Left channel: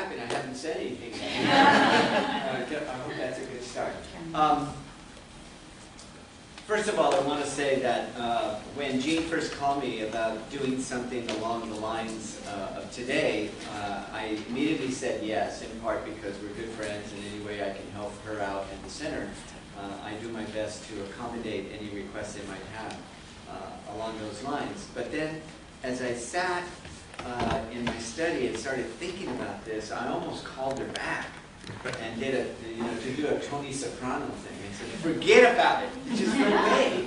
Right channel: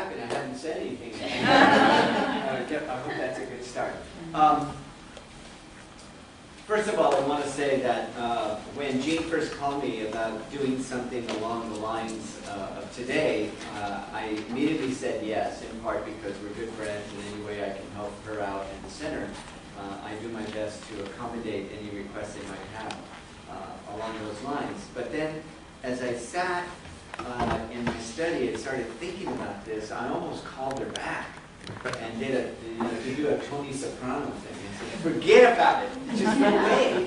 clapping. I haven't said anything. I hope that's a good start. First of all, I want to say that when Jean first called me about doing something along the lines of today, I immediately said yes, in part because we're good friends and any way I can help her out in the center, I do my best to accommodate any requests they might have along those lines. But then, as I sat in my study and started thinking about this, I almost called her back and did to do a Tony Soprano thing and said, forget about it. There's just no way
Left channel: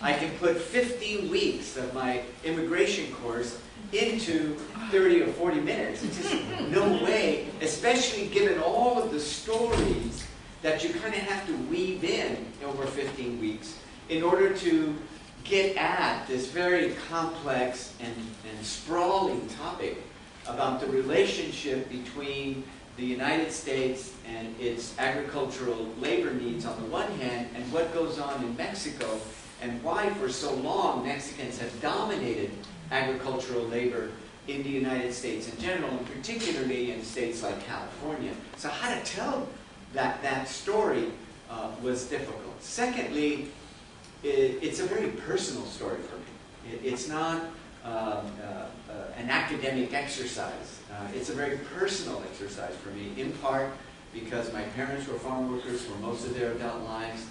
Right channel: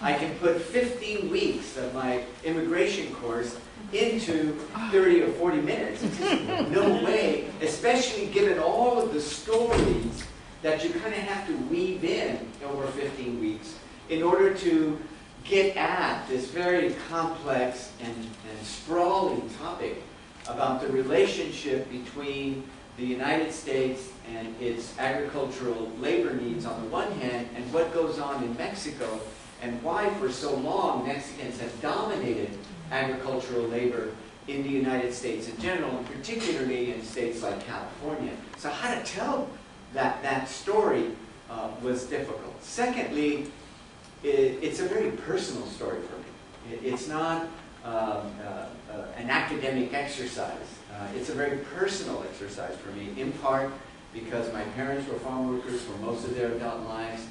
I can put 15 weeks of my immigration course into 30 or 40 minutes. It's just no way, especially given all of the stories that you kind of have to weave in over 15 weeks in order to get at this very complex and sprawling topic about the relationship between the United States and its agricultural labor needs on the one hand, and what goes on in Mexico, and why for so long Mexicans have dominated agricultural labor in the United States in general, and particularly in states like California. So how to tell that story was difficult. Secondly, it's a very personal story for me. It's not an academic exercise. It's a very personal exercise for me, in part because my parents were farm workers for most of their adult lives,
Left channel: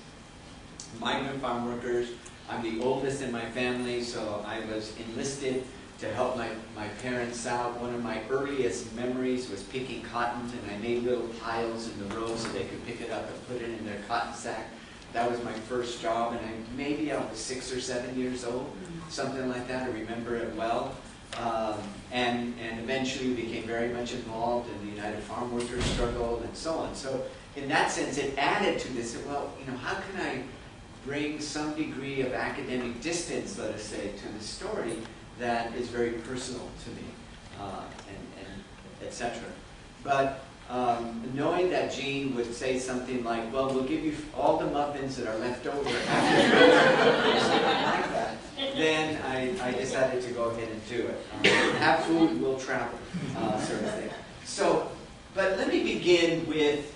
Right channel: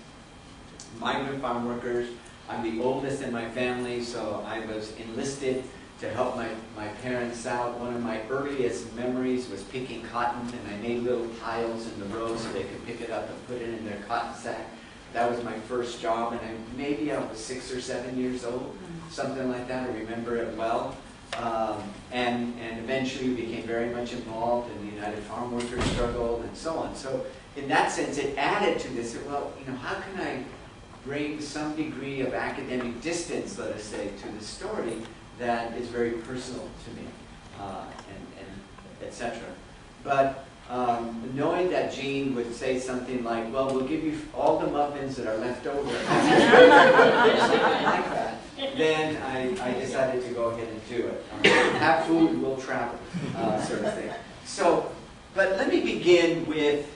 migrant farm workers. I'm the oldest in my family, so I was enlisted to help my parents out. One of my earliest memories was picking cotton, and I made little piles in the road so they could pick it up and put it in their cotton sack. That was my first job, and maybe I was 6 or 7 years old, something like that. I remember it well. And eventually became very much involved in the United Farm Workers struggle and so on. So in that sense, it added to this, well, how can I bring some degree of academic distance, let us say, to the story that is very personal to me, and etc. But knowing that Jean would say something like, well, we'll give you all the muffins that are left over, something like that, then I decided to go ahead and do it. Have food, we'll travel, sort of thing. So, but let me begin with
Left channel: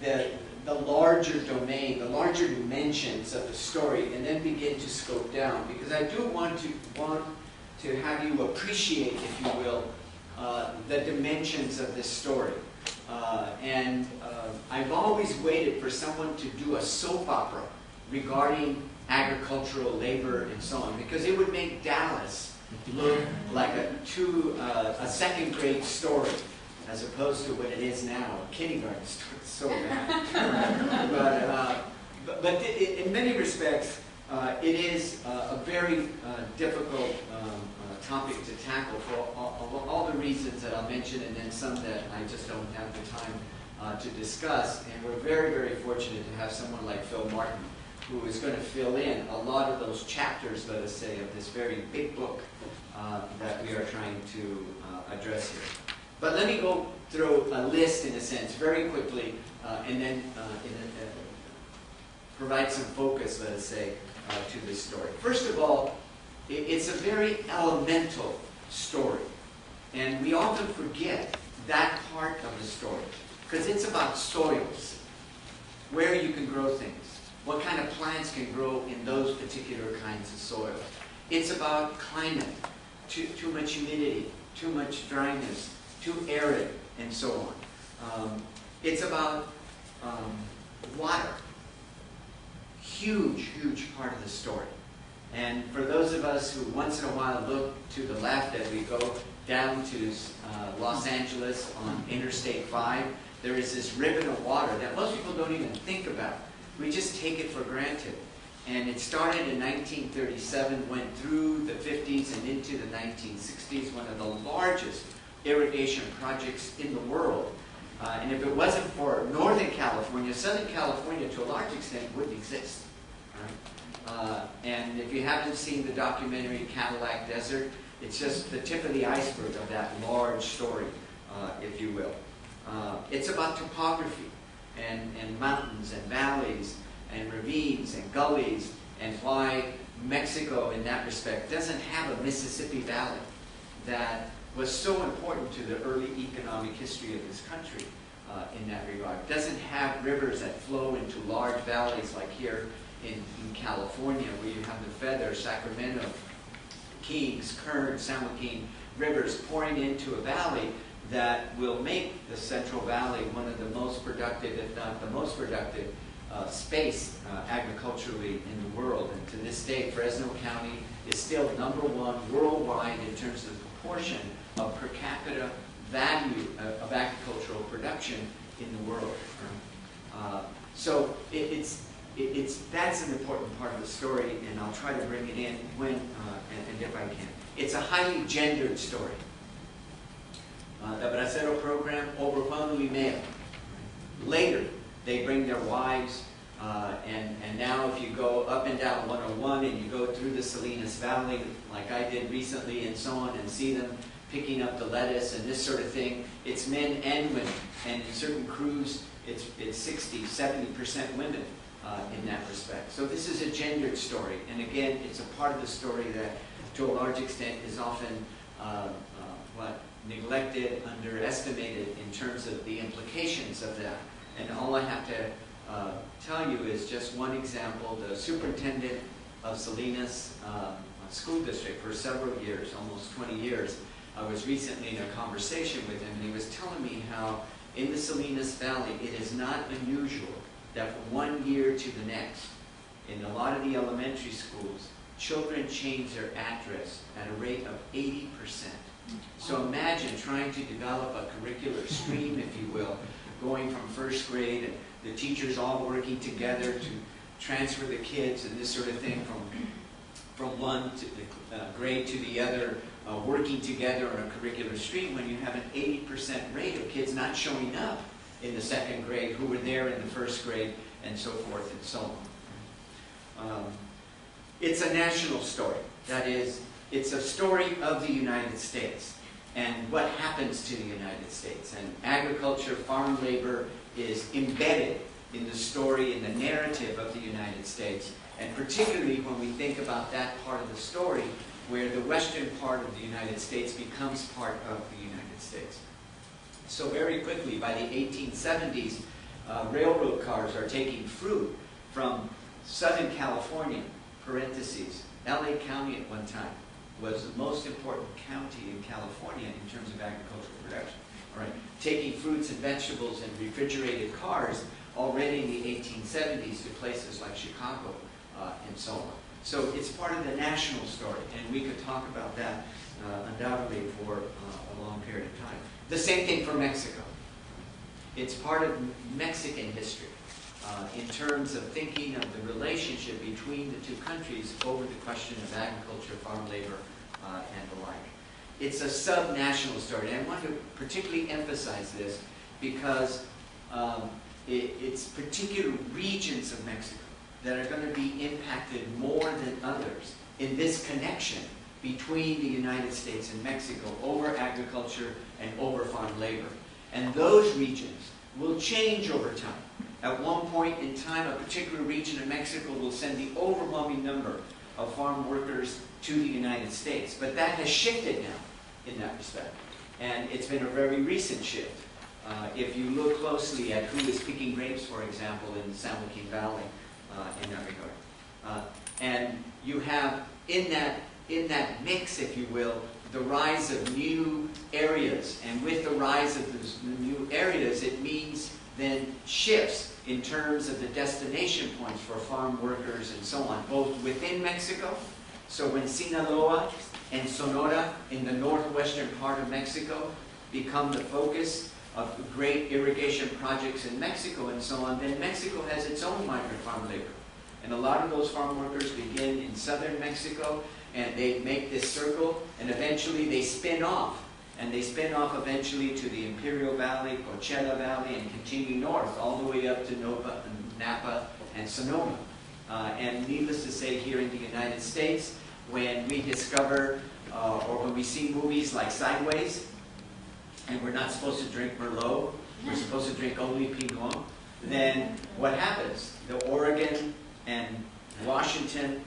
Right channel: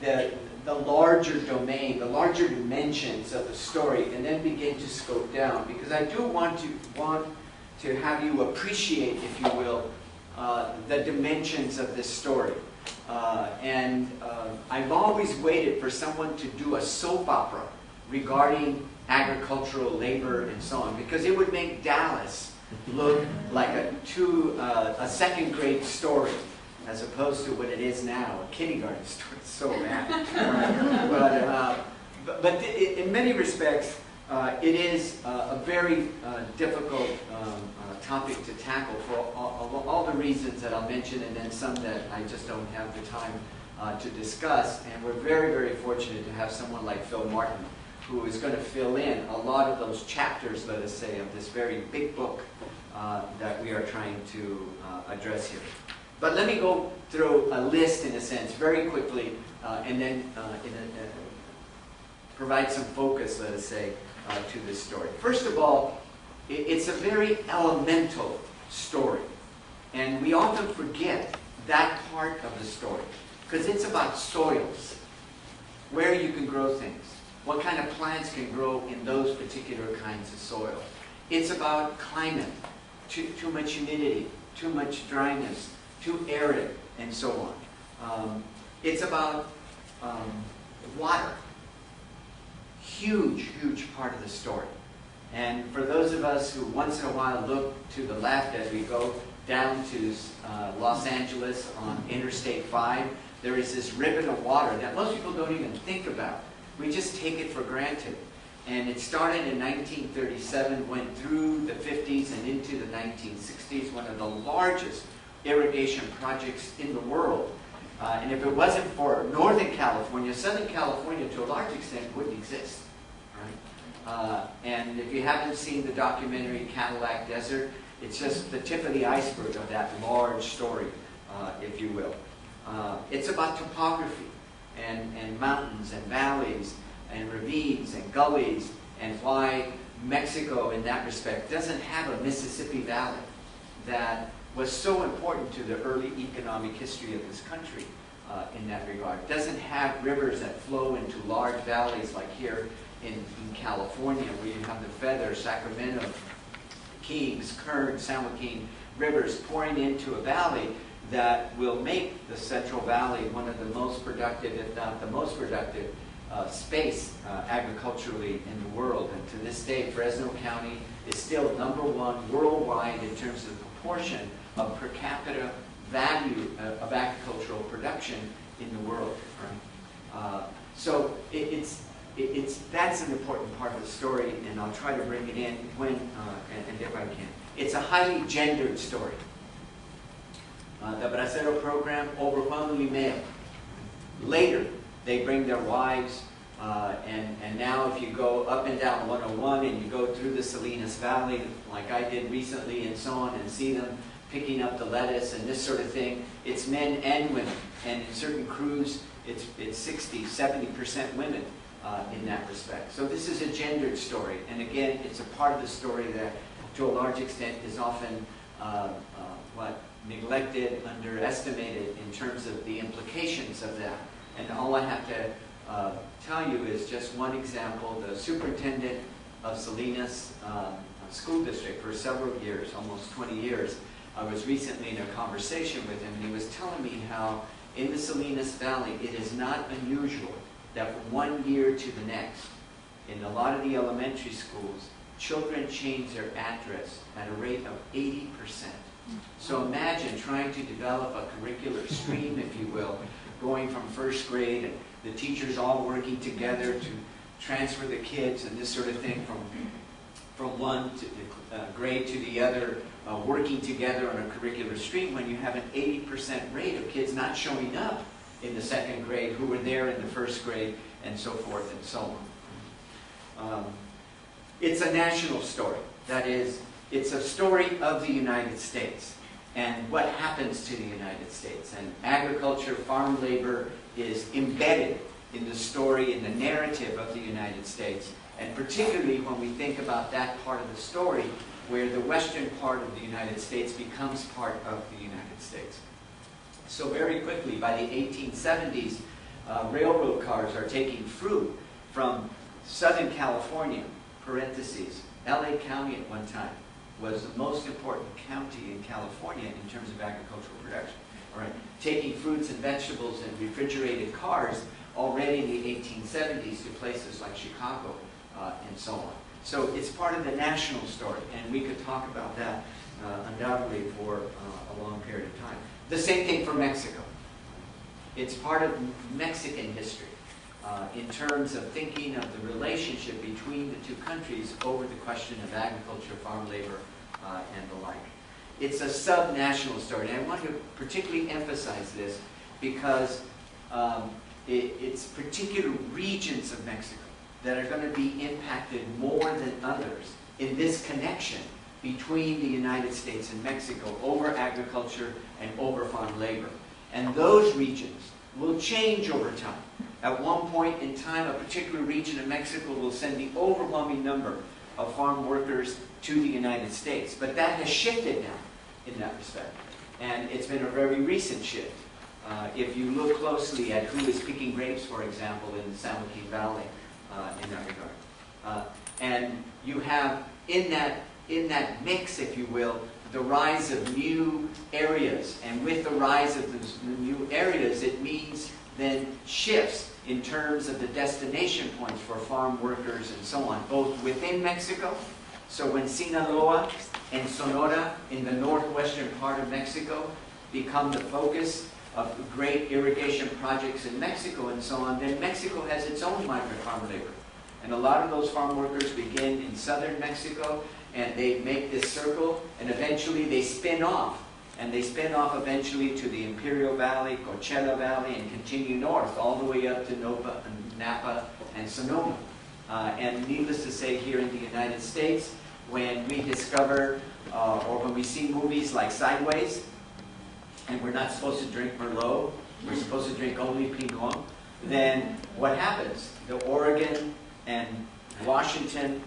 the larger domain, the larger dimensions of the story, and then begin to scope down, because I do want to have you appreciate, if you will, the dimensions of this story. I've always waited for someone to do a soap opera regarding agricultural labor and so on, because it would make Dallas look like a second grade story, as opposed to what it is now, a kindergarten story. It's so bad. But in many respects, it is a very difficult topic to tackle for all the reasons that I'll mention, and then some that I just don't have the time to discuss. And we're very, very fortunate to have someone like Phil Martin, who is going to fill in a lot of those chapters, let us say, of this very big book that we are trying to address here. But let me go through a list, in a sense, very quickly, and then provide some focus, let us say, to this story. First of all, it's a very elemental story, and we often forget that part of the story, because it's about soils, where you can grow things, what kind of plants can grow in those particular kinds of soil. It's about climate, too much humidity, too much dryness, too arid, and so on. It's about water. Huge, huge part of the story. And for those of us who once in a while look to the left as we go down to Los Angeles on Interstate 5, there is this ribbon of water that most people don't even think about. We just take it for granted. And it started in 1937, went through the 50s and into the 1960s, one of the largest irrigation projects in the world. And if it wasn't for Northern California, Southern California to a large extent wouldn't exist. Right? And if you haven't seen the documentary Cadillac Desert, it's just the tip of the iceberg of that large story, if you will. It's about topography and mountains and valleys and ravines and gullies, and why Mexico in that respect doesn't have a Mississippi Valley that was so important to the early economic history of this country in that regard. It doesn't have rivers that flow into large valleys like here in California, where you have the Feather, Sacramento, Kings, Kern, San Joaquin rivers pouring into a valley that will make the Central Valley one of the most productive, if not the most productive, space agriculturally in the world. And to this day, Fresno County is still #1 worldwide in terms of the proportion of per capita value of agricultural production in the world. Right? So that's an important part of the story, and I'll try to bring it in when and if I can. It's a highly gendered story. The Bracero program, overwhelmingly male. Later, they bring their wives, and now if you go up and down 101 and you go through the Salinas Valley, like I did recently and so on, and see them picking up the lettuce and this sort of thing, it's men and women. And in certain crews, it's 60, 70% women in that respect. So this is a gendered story. And again, it's a part of the story that, to a large extent, is often neglected, underestimated in terms of the implications of that. And all I have to tell you is just one example. The superintendent of Salinas School District for several years, almost 20 years, I was recently in a conversation with him, and he was telling me how in the Salinas Valley it is not unusual that from one year to the next, in a lot of the elementary schools, children change their address at a rate of 80%. So imagine trying to develop a curricular stream, if you will, going from first grade, and the teachers all working together to transfer the kids and this sort of thing from one grade to the other, working together on a curricular stream, when you have an 80% rate of kids not showing up in the second grade who were there in the first grade, and so forth and so on. It's a national story. That is, it's a story of the United States and what happens to the United States. And agriculture, farm labor is embedded in the story, in the narrative of the United States. And particularly when we think about that part of the story where the western part of the United States becomes part of the United States. So very quickly, by the 1870s, railroad cars are taking fruit from Southern California, parentheses, LA County at one time was the most important county in California in terms of agricultural production. All right, taking fruits and vegetables in refrigerated cars already in the 1870s to places like Chicago and so on. So it's part of the national story, and we could talk about that undoubtedly for a long period of time. The same thing for Mexico. It's part of Mexican history in terms of thinking of the relationship between the two countries over the question of agriculture, farm labor, and the like. It's a sub-national story, and I want to particularly emphasize this because it's particular regions of Mexico that are going to be impacted more than others in this connection between the United States and Mexico over agriculture and over farm labor. And those regions will change over time. At one point in time, a particular region of Mexico will send the overwhelming number of farm workers to the United States. But that has shifted now in that respect. And it's been a very recent shift. If you look closely at who is picking grapes, for example, in the San Joaquin Valley, in that regard. And you have in that mix, if you will, the rise of new areas. And with the rise of those new areas, it means then shifts in terms of the destination points for farm workers and so on, both within Mexico. So when Sinaloa and Sonora in the northwestern part of Mexico become the focus of the great irrigation projects in Mexico and so on, then Mexico has its own migrant farm labor. And a lot of those farm workers begin in southern Mexico, and they make this circle, and eventually they spin off. And they spin off eventually to the Imperial Valley, Coachella Valley, and continue north all the way up to Napa and Sonoma. And needless to say, here in the United States, when we discover or when we see movies like Sideways, and we're not supposed to drink Merlot, we're supposed to drink only Pinot, then what happens? The Oregon and Washington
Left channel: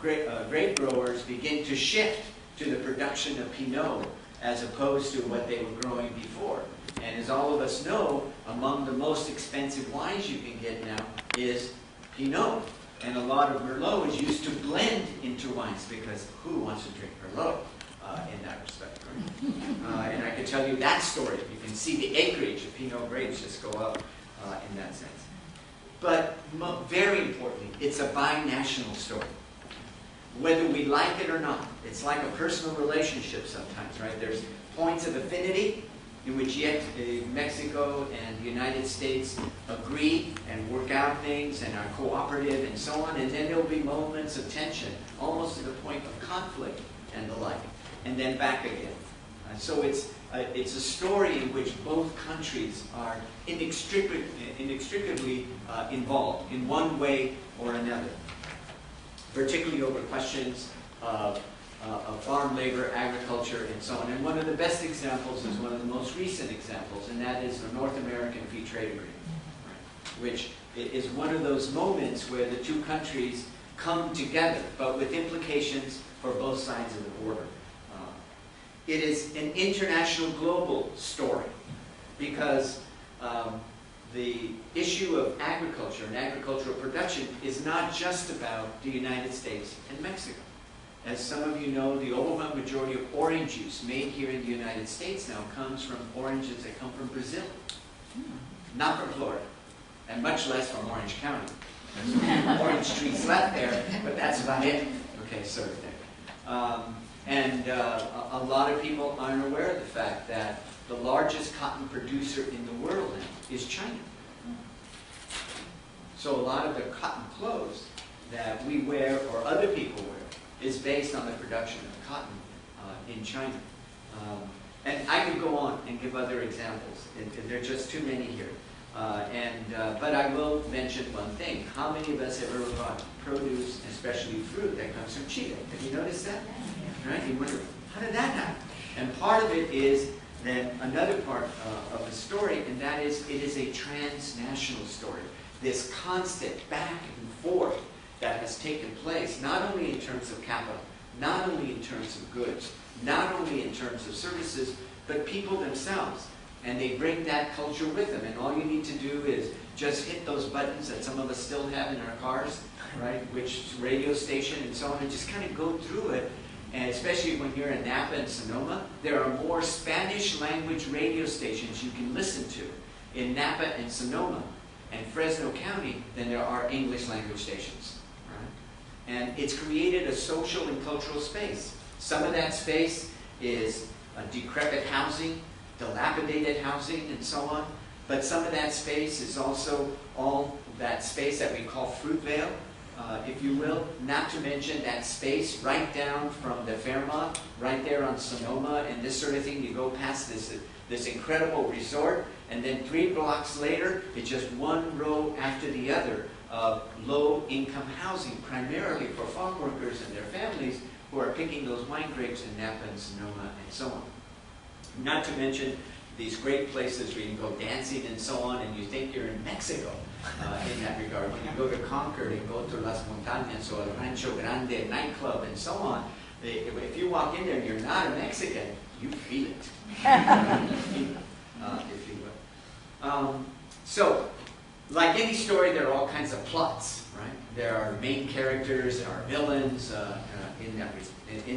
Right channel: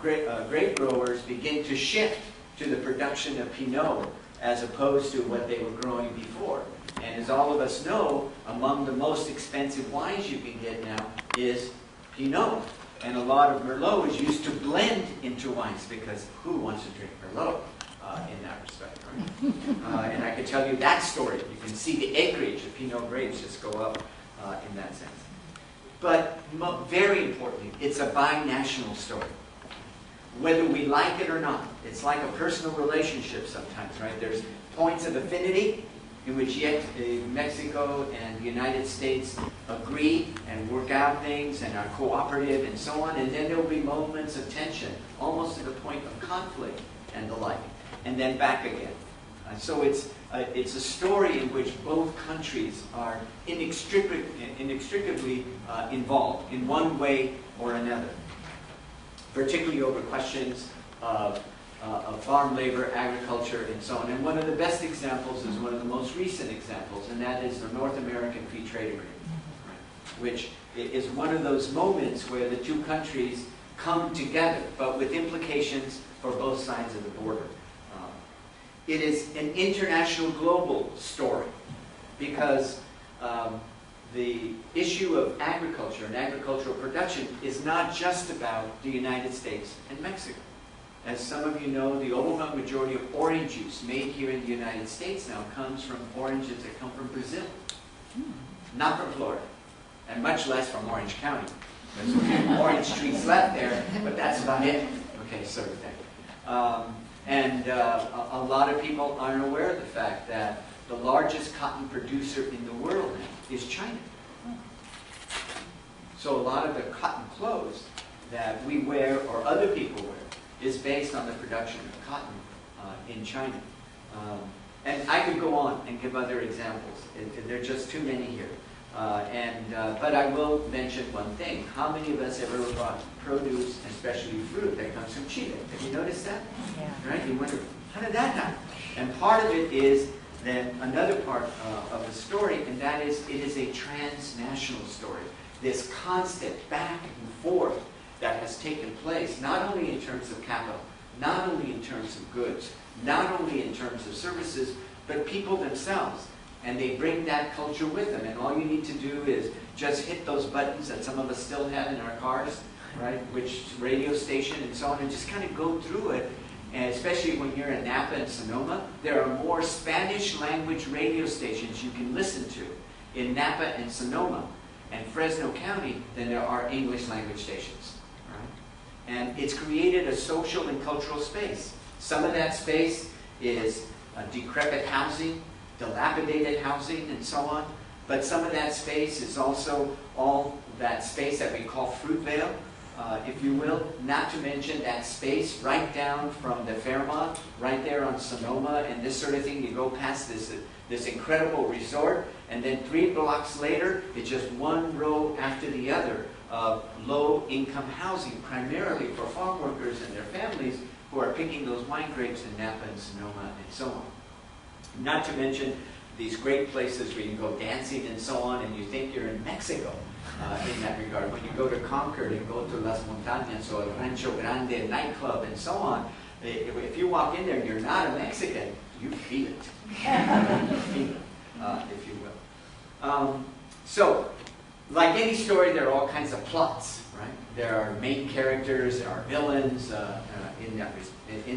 grape growers begin to shift to the production of Pinot as opposed to what they were growing before. And as all of us know, among the most expensive wines you can get now is Pinot. And a lot of Merlot is used to blend into wines, because who wants to drink Merlot in that respect, right? And I can tell you that story. You can see the acreage of Pinot grapes just go up in that sense. But very importantly, it's a binational story. Whether we like it or not, it's like a personal relationship sometimes, right? There's points of affinity in which yet Mexico and the United States agree and work out things and are cooperative and so on, and then there will be moments of tension, almost to the point of conflict and the like, and then back again. So it's a story in which both countries are inextricably involved in one way or another, particularly over questions of farm labor, agriculture, and so on. And one of the best examples is one of the most recent examples, and that is the North American Free Trade Agreement, right? Which is one of those moments where the two countries come together, but with implications for both sides of the border. It is an international global story, because the issue of agriculture and agricultural production is not just about the United States and Mexico. As some of you know, the overwhelming majority of orange juice made here in the United States now comes from oranges that come from Brazil, not from Florida, and much less from Orange County. There's a few orange trees left there, but that's about it. Okay, sort of thing. And a lot of people aren't aware of the fact that the largest cotton producer in the world now is China. So a lot of the cotton clothes that we wear or other people wear is based on the production of cotton in China. And I could go on and give other examples. There are just too many here. But I will mention one thing. How many of us have ever bought produce, especially fruit, that comes from Chile? Have you noticed that? Right? You wonder, how did that happen? And part of it is then another part of the story, and that is it is a transnational story. This constant back and forth that has taken place, not only in terms of capital, not only in terms of goods, not only in terms of services, but people themselves. And they bring that culture with them. And all you need to do is just hit those buttons that some of us still have in our cars, right? Which radio station and so on, and just kind of go through it. And especially when you're in Napa and Sonoma, there are more Spanish language radio stations you can listen to in Napa and Sonoma and Fresno County than there are English language stations. Right? And it's created a social and cultural space. Some of that space is decrepit housing, dilapidated housing, and so on. But some of that space is also all that space that we call Fruitvale, if you will. Not to mention that space right down from the Fairmont, right there on Sonoma, and this sort of thing. You go past this incredible resort, and then 3 blocks later, it's just one row after the other of low-income housing, primarily for farm workers and their families who are picking those wine grapes in Napa and Sonoma and so on. Not to mention these great places where you can go dancing and so on, and you think you're in Mexico in that regard. When you go to Concord and go to Las Montañas or Rancho Grande nightclub and so on, if you walk in there and you're not a Mexican, you feel it, if you will. So, like any story, there are all kinds of plots, right? There are main characters, there are villains in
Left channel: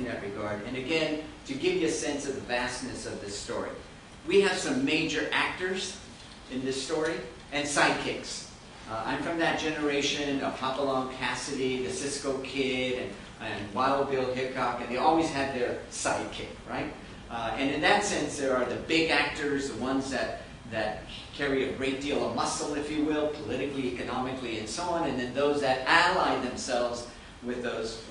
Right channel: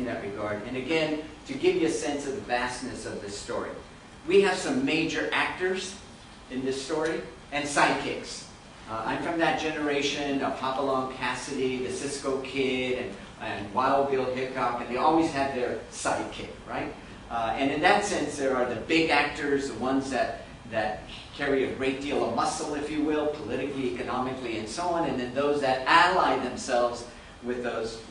that regard. And again, to give you a sense of the vastness of this story, we have some major actors in this story and sidekicks. I'm from that generation of Hopalong Cassidy, the Cisco Kid, and Wild Bill Hickok, and they always had their sidekick, right? And in that sense, there are the big actors, the ones that carry a great deal of muscle, if you will, politically, economically, and so on, and then those that ally themselves with those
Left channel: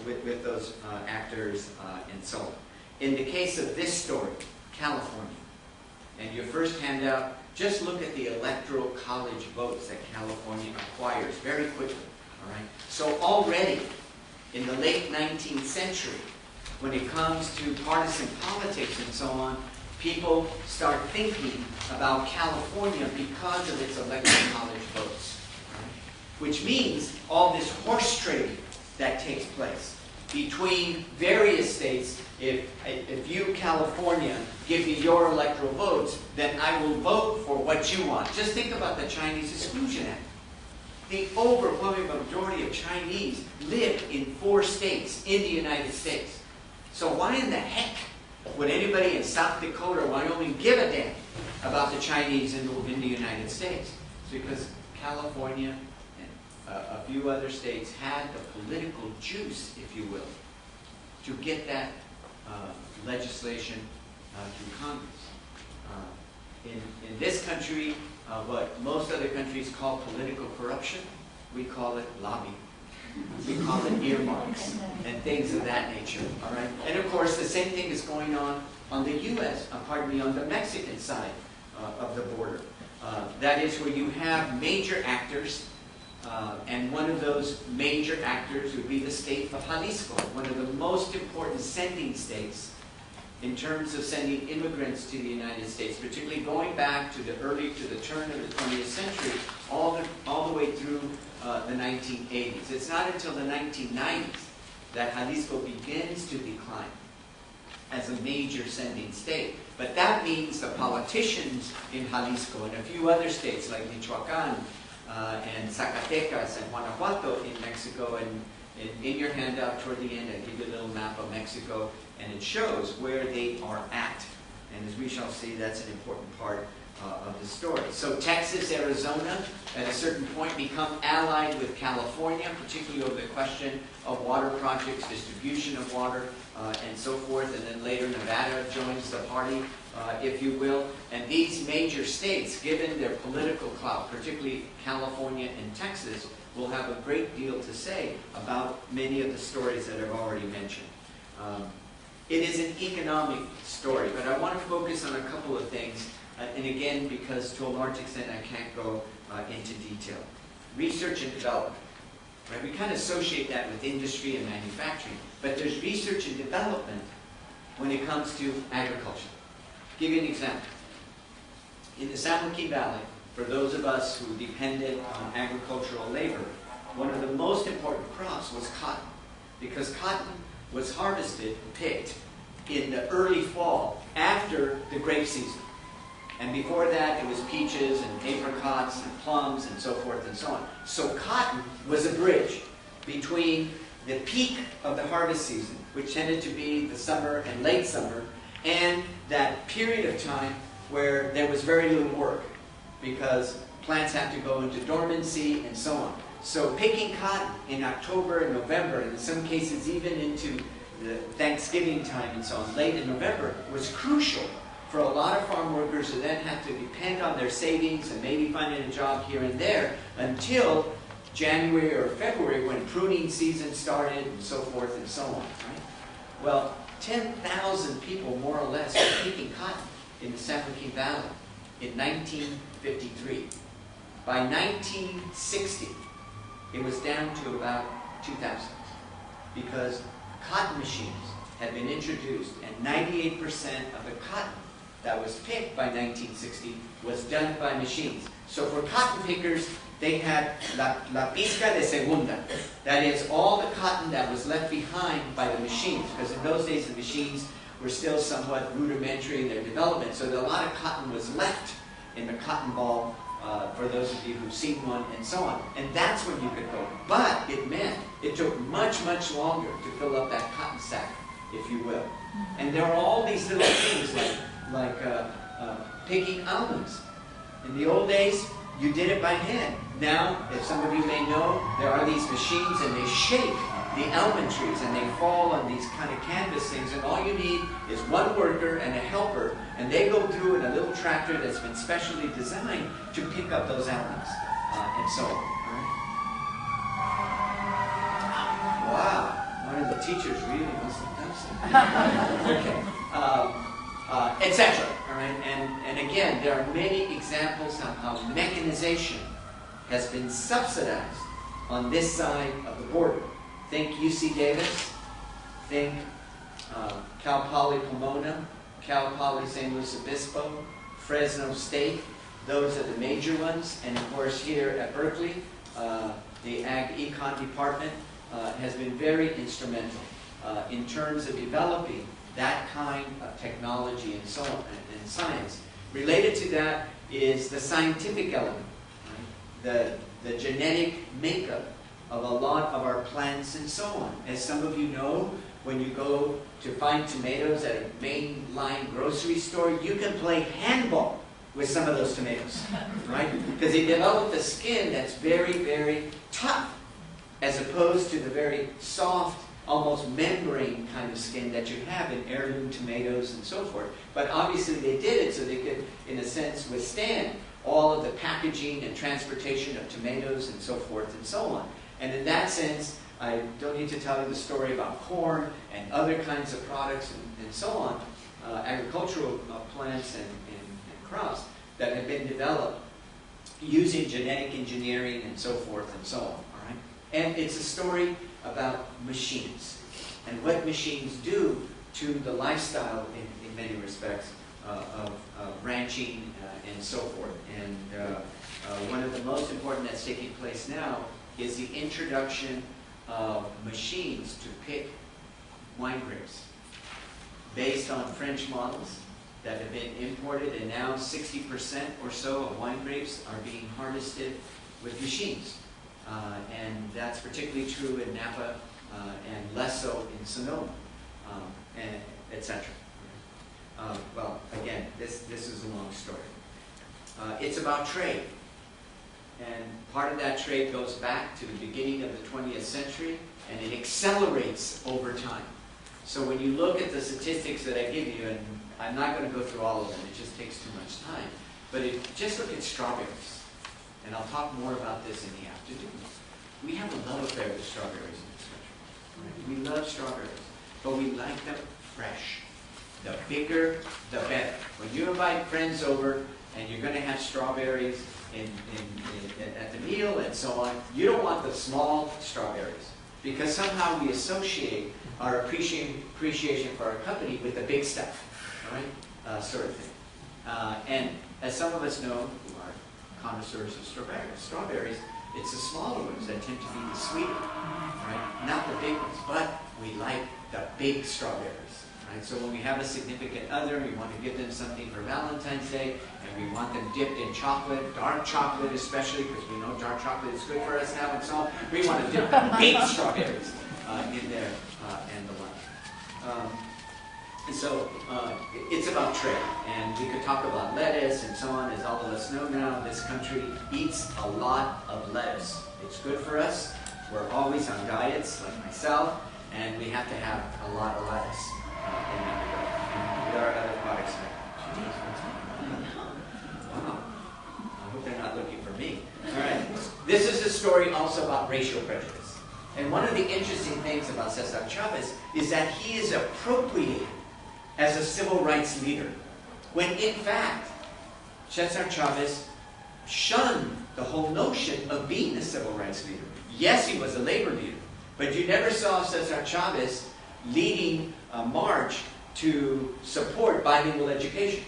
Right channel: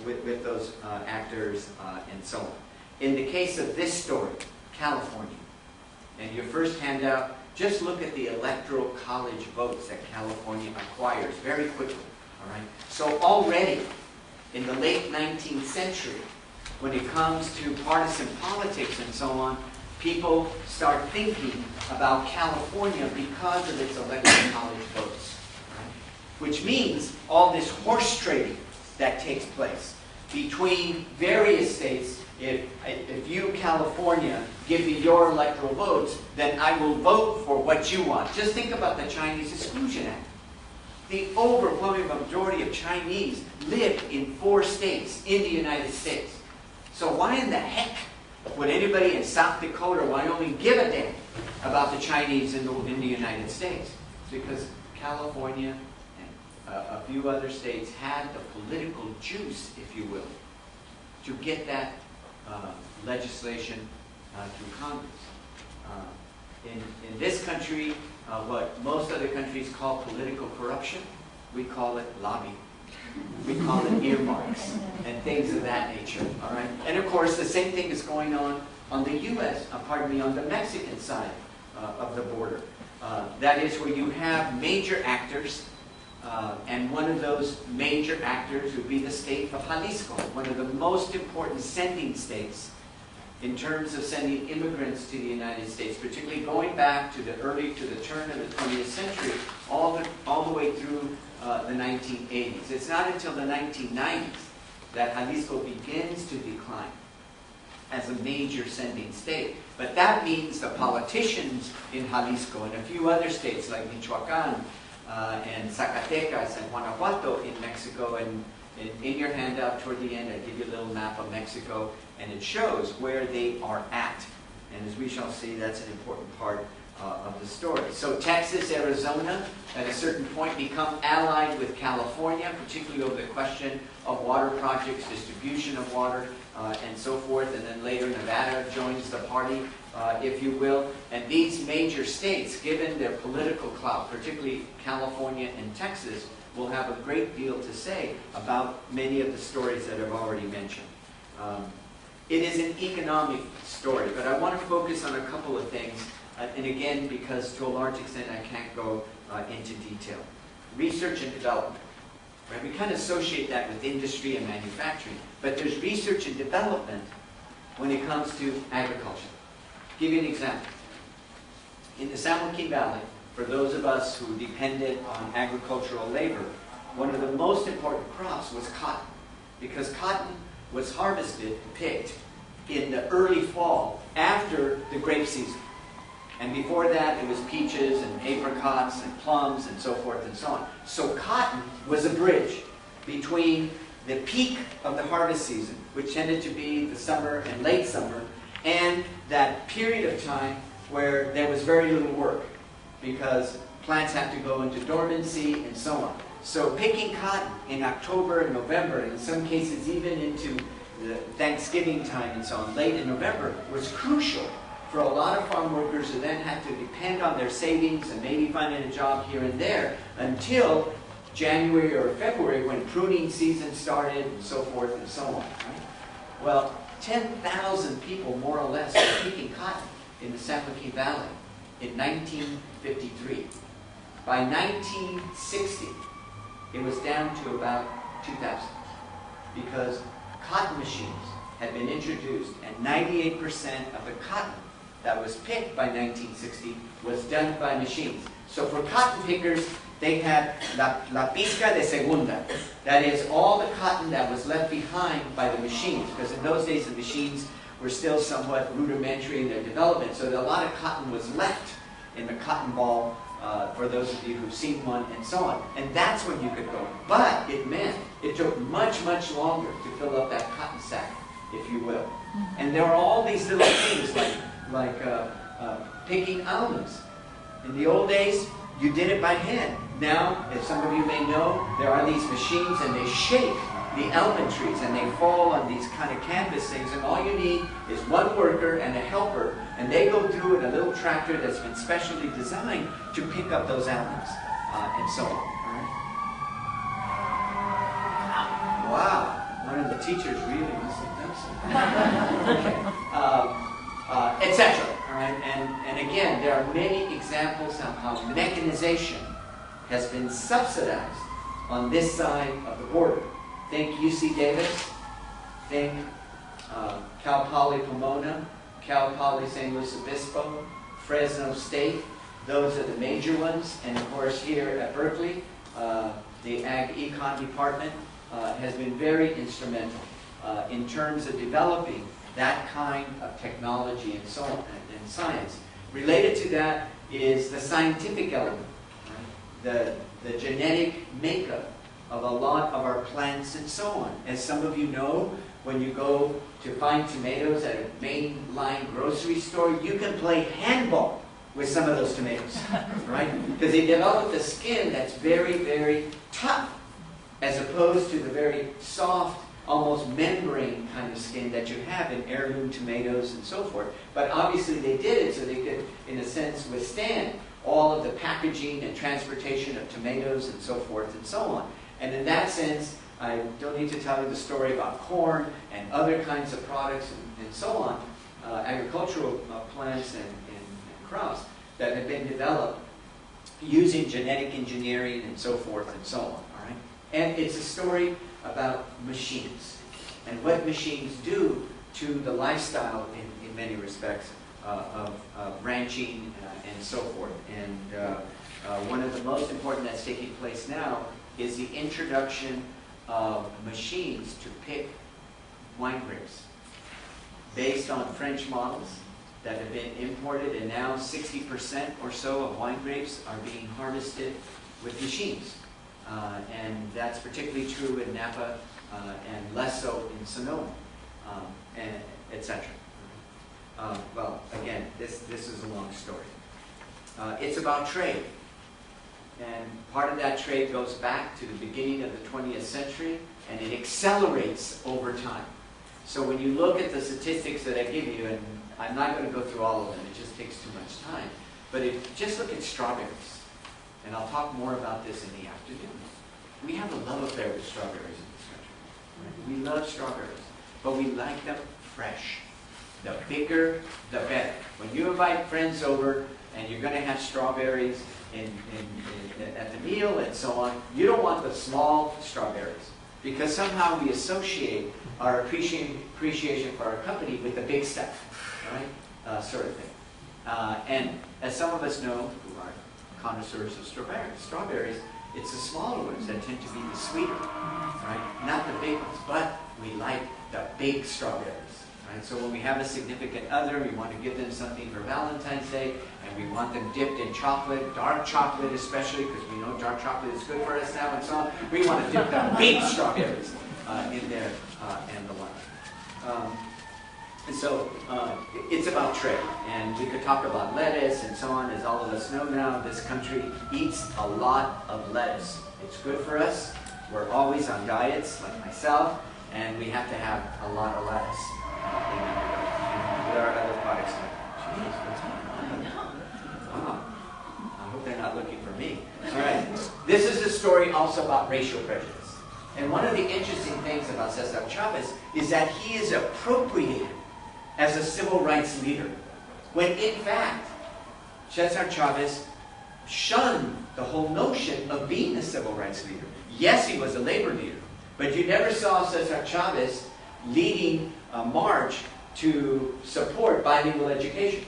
actors and so on. In the case of this story, California, and your first handout, just look at the electoral college votes that California acquires very quickly. All right? So already in the late 19th century, when it comes to partisan politics and so on, people start thinking about California because of its electoral college votes. Right? Which means all this horse trading that takes place. between various states. If you, California, give me your electoral votes, then I will vote for what you want. Just think about the Chinese Exclusion Act. The overwhelming majority of Chinese live in 4 states in the United States. So why in the heck would anybody in South Dakota or Wyoming give a damn about the Chinese in the United States? It's because California and a few other states had the political juice, if you will, to get that legislation through Congress. In this country, what most other countries call political corruption, we call it lobby. We call it earmarks and things of that nature. All right. And of course, the same thing is going on the U.S. On the Mexican side of the border. That is where you have major actors, and one of those major actors would be the state of Jalisco, one of the most important sending states in terms of sending immigrants to the United States, particularly going back to the turn of the 20th century, all the way through the 1980s. It's not until the 1990s that Jalisco begins to decline as a major sending state. But that means the politicians in Jalisco and a few other states like Michoacán and Zacatecas and Guanajuato in Mexico, and in your handout toward the end I give you a little map of Mexico, and it shows where they are at. And as we shall see, that's an important part of the story. So Texas, Arizona, at a certain point become allied with California, particularly over the question of water projects, distribution of water, and so forth. And then later Nevada joins the party, if you will. And these major states, given their political clout, particularly California and Texas, will have a great deal to say about many of the stories that I've already mentioned. It is an economic story, but I want to focus on a couple of things. And again, because to a large extent I can't go into detail. Research and development. Right? We kind of associate that with industry and manufacturing, but there's research and development when it comes to agriculture. I'll give you an example. In the San Joaquin Valley, for those of us who depended on agricultural labor, one of the most important crops was cotton, because cotton was harvested and picked in the early fall after the grape season. And before that, it was peaches and apricots and plums and so forth and so on. So cotton was a bridge between the peak of the harvest season, which tended to be the summer and late summer, and that period of time where there was very little work because plants have to go into dormancy and so on. So picking cotton in October and November, and in some cases even into the Thanksgiving time and so on, late in November, was crucial for a lot of farm workers who then had to depend on their savings and maybe finding a job here and there until January or February, when pruning season started and so forth and so on. Right? Well, 10,000 people more or less were picking cotton in the San Joaquin Valley in 1953. By 1960, it was down to about 2,000 because cotton machines had been introduced, and 98% of the cotton that was picked by 1960 was done by machines. So for cotton pickers, they had la pizca de segunda. That is, all the cotton that was left behind by the machines, because in those days the machines were still somewhat rudimentary in their development, so a lot of cotton was left in the cotton ball, for those of you who've seen one, and so on. And that's when you could go. But it meant it took much, much longer to fill up that cotton sack, if you will. And there are all these little things like picking almonds. In the old days, you did it by hand. Now, as some of you may know, there are these machines and they shake the almond trees and they fall on these kind of canvas things, and all you need is one worker and a helper, and they go through in a little tractor that's been specially designed to pick up those almonds, and so on. All right? Wow, one of the teachers really must have done something. Okay. Etc. All right, and again, there are many examples of how mechanization has been subsidized on this side of the border. Think UC Davis, think Cal Poly Pomona, Cal Poly San Luis Obispo, Fresno State. Those are the major ones. And of course here at Berkeley, the Ag Econ department has been very instrumental in terms of developing that kind of technology and so on, and science. Related to that is the scientific element, right? The genetic makeup of a lot of our plants and so on. As some of you know, when you go to find tomatoes at a mainline grocery store, you can play handball with some of those tomatoes, right? Because they develop the skin that's very, very tough, as opposed to the very soft, almost membrane kind of skin that you have in heirloom tomatoes and so forth. But obviously they did it so they could, in a sense, withstand all of the packaging and transportation of tomatoes and so forth and so on. And in that sense, I don't need to tell you the story about corn and other kinds of products and so on, agricultural plants and crops that have been developed using genetic engineering and so forth and so on, all right? And it's a story about machines and what machines do to the lifestyle in many respects of ranching and so forth. And one of the most important that's taking place now is the introduction of machines to pick wine grapes based on French models that have been imported, and now 60% or so of wine grapes are being harvested with machines. And that's particularly true in Napa and less so in Sonoma, and etc. Well, again, this is a long story. It's about trade. And part of that trade goes back to the beginning of the 20th century, and it accelerates over time. So when you look at the statistics that I give you, and I'm not going to go through all of them, it just takes too much time, but just look at strawberries. And I'll talk more about this in the afternoon. We have a love affair with strawberries in this country. Right? We love strawberries, but we like them fresh. The bigger, the better. When you invite friends over and you're going to have strawberries at the meal and so on, you don't want the small strawberries, because somehow we associate our appreciation for our company with the big stuff, right? Sort of thing. And as some of us know, who are connoisseurs of strawberries, it's the smaller ones that tend to be the sweeter, right? Not the big ones, but we like the big strawberries, right? So when we have a significant other, we want to give them something for Valentine's Day, and we want them dipped in chocolate, dark chocolate especially, because we know dark chocolate is good for us now and so on. We want to dip the big strawberries in there and the like. And so it's about trade, and we could talk about lettuce and so on. As all of us know now, this country eats a lot of lettuce. It's good for us. We're always on diets, like myself, and we have to have a lot of lettuce in that regard. And there are other products like, geez, what's going on? Wow. I hope they're not looking for me. All right. This is the story also about racial prejudice. And one of the interesting things about Cesar Chavez is that he is appropriated as a civil rights leader, when in fact, Cesar Chavez shunned the whole notion of being a civil rights leader. Yes, he was a labor leader, but you never saw Cesar Chavez leading a march to support bilingual education.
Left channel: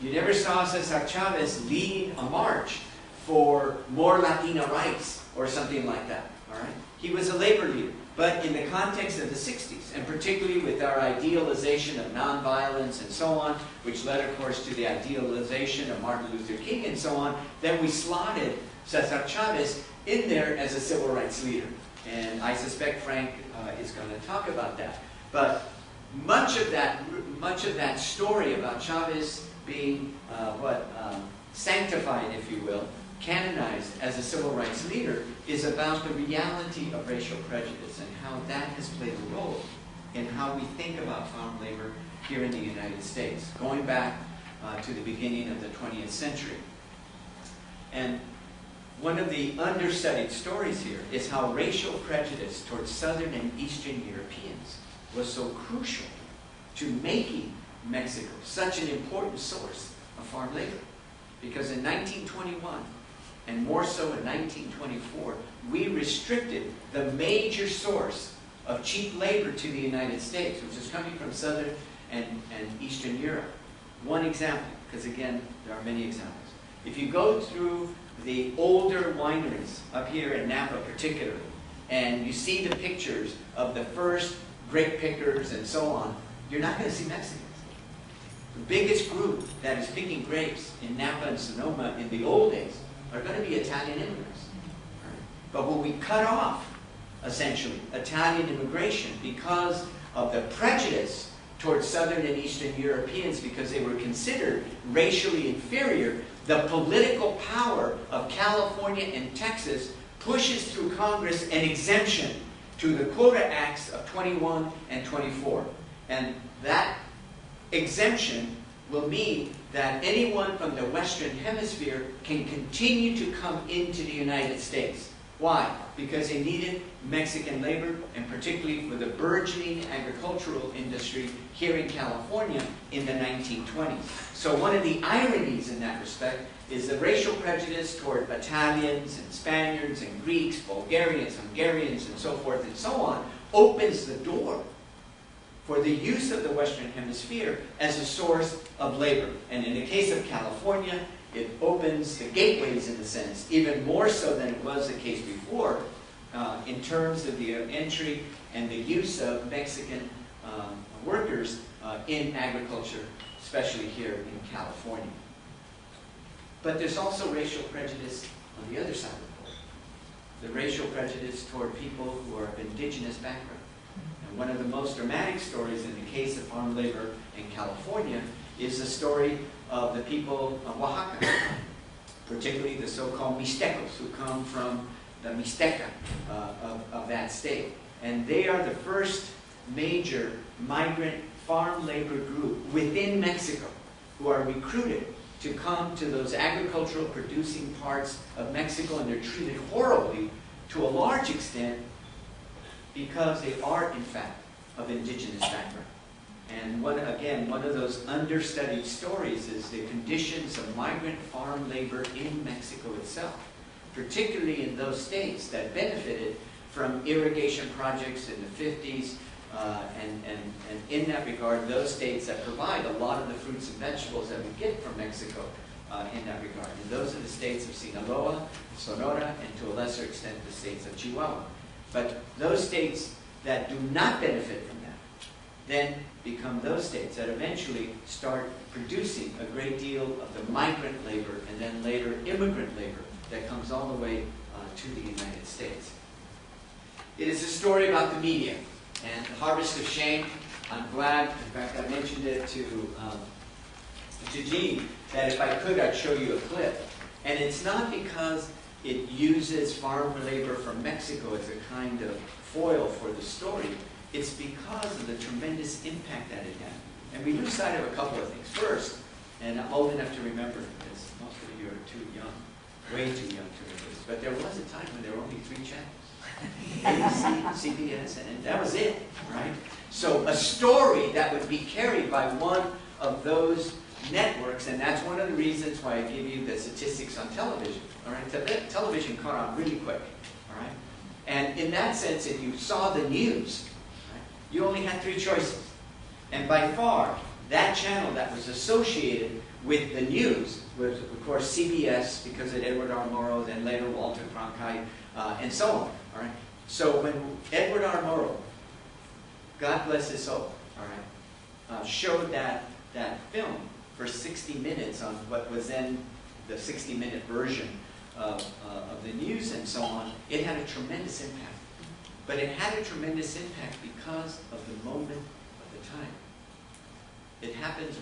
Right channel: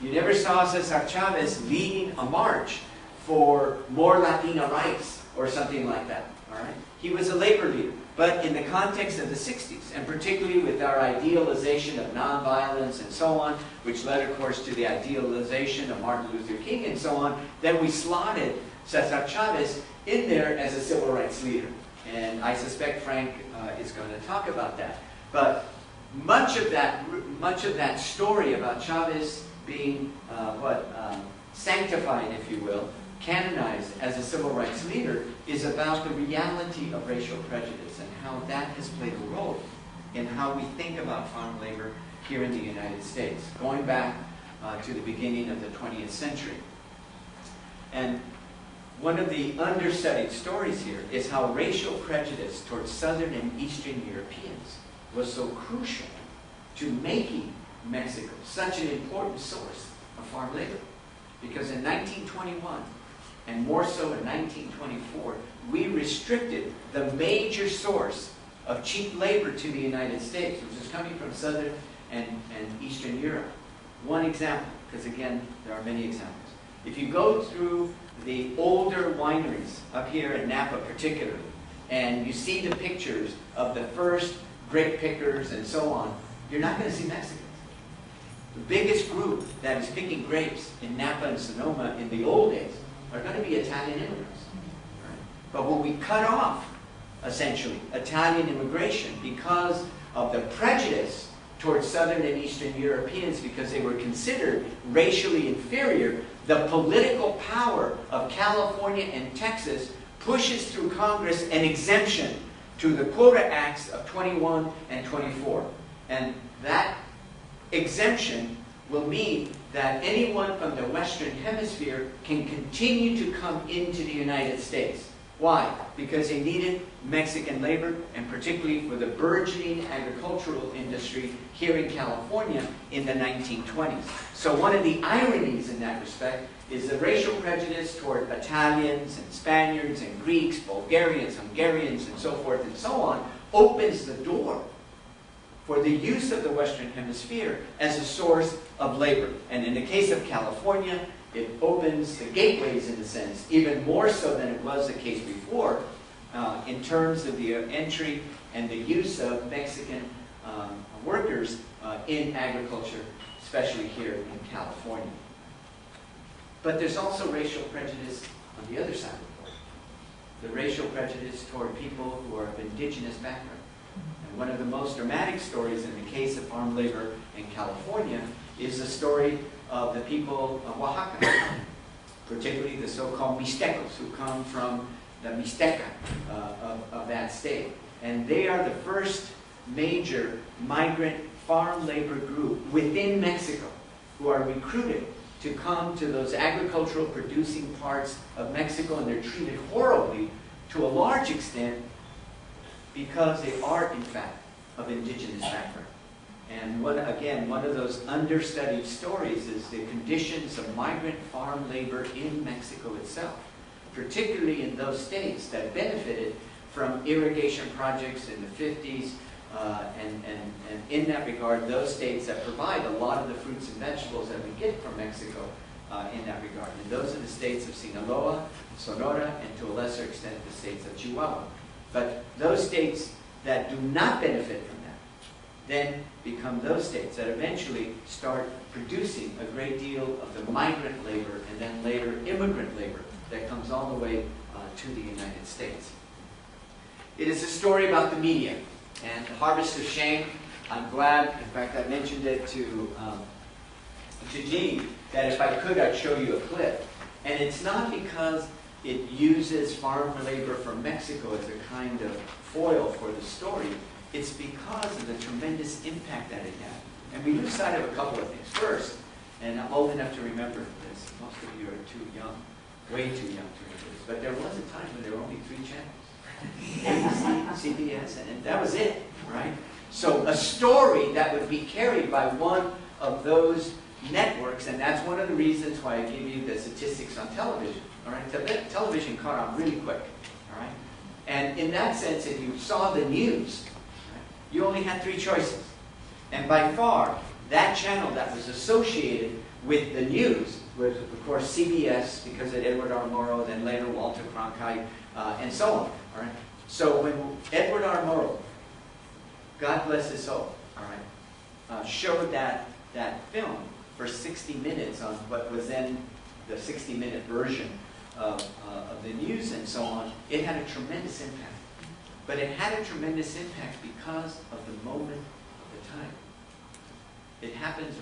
You never saw Cesar Chavez leading a march for more Latina rights or something like that. All right? He was a labor leader. But in the context of the 60s, and particularly with our idealization of nonviolence and so on, which led, of course, to the idealization of Martin Luther King and so on, then we slotted Cesar Chavez in there as a civil rights leader. And I suspect Frank is going to talk about that. But much of that story about Chavez being sanctified, if you will, canonized as a civil rights leader, is about the reality of racial prejudice and how that has played a role in how we think about farm labor here in the United States, going back to the beginning of the 20th century. And one of the understudied stories here is how racial prejudice towards Southern and Eastern Europeans was so crucial to making Mexico such an important source of farm labor. Because in 1921, and more so in 1924, we restricted the major source of cheap labor to the United States, which is coming from Southern and Eastern Europe. One example, because again, there are many examples. If you go through the older wineries up here in Napa particularly, and you see the pictures of the first grape pickers and so on, you're not going to see Mexicans. The biggest group that is picking grapes in Napa and Sonoma in the old days are going to be Italian immigrants. Right? But when we cut off, essentially, Italian immigration because of the prejudice towards Southern and Eastern Europeans because they were considered racially inferior, the political power of California and Texas pushes through Congress an exemption to the Quota Acts of 21 and 24. And that exemption will mean that anyone from the Western Hemisphere can continue to come into the United States. Why? Because they needed Mexican labor, and particularly for the burgeoning agricultural industry here in California in the 1920s. So one of the ironies in that respect is the racial prejudice toward Italians and Spaniards and Greeks, Bulgarians, Hungarians, and so forth and so on opens the door for the use of the Western Hemisphere as a source of labor. And in the case of California, it opens the gateways, in a sense, even more so than it was the case before, in terms of the entry and the use of Mexican workers in agriculture, especially here in California. But there's also racial prejudice on the other side of the border. The racial prejudice toward people who are of indigenous background. And one of the most dramatic stories in the case of farm labor in California is the story of the people of Oaxaca, particularly the so-called Mixtecos, who come from the Mixteca of that state. And they are the first major migrant farm labor group within Mexico who are recruited to come to those agricultural producing parts of Mexico, and they're treated horribly to a large extent because they are, in fact, of indigenous background. And one of those understudied stories is the conditions of migrant farm labor in Mexico itself, particularly in those states that benefited from irrigation projects in the 50s, and in that regard, those states that provide a lot of the fruits and vegetables that we get from Mexico in that regard. And those are the states of Sinaloa, Sonora, and to a lesser extent the states of Chihuahua. But those states that do not benefit from that then become those states that eventually start producing a great deal of the migrant labor and then later immigrant labor that comes all the way to the United States. It is a story about the media and the harvest of shame. I'm glad, in fact, I mentioned it to Jean, that if I could, I'd show you a clip. And it's not because it uses farm labor from Mexico as a kind of foil for the story. It's because of the tremendous impact that it had. And we lose sight of a couple of things. First, and I'm old enough to remember this, most of you are too young, way too young to remember this, but there was a time when there were only 3 channels. ABC, CBS, and that was it, right? So a story that would be carried by one of those networks, and that's one of the reasons why I give you the statistics on television, all right? Television caught on really quick, all right? And in that sense, if you saw the news, right, you only had 3 choices. And by far, that channel that was associated with the news was, of course, CBS, because of Edward R. Murrow, then later Walter Cronkite, and so on, all right? So when Edward R. Murrow, God bless his soul, all right, showed that film for 60 minutes on what was then the 60-minute version of the news and so on, it had a tremendous impact. But it had a tremendous impact because of the moment of the time. It happens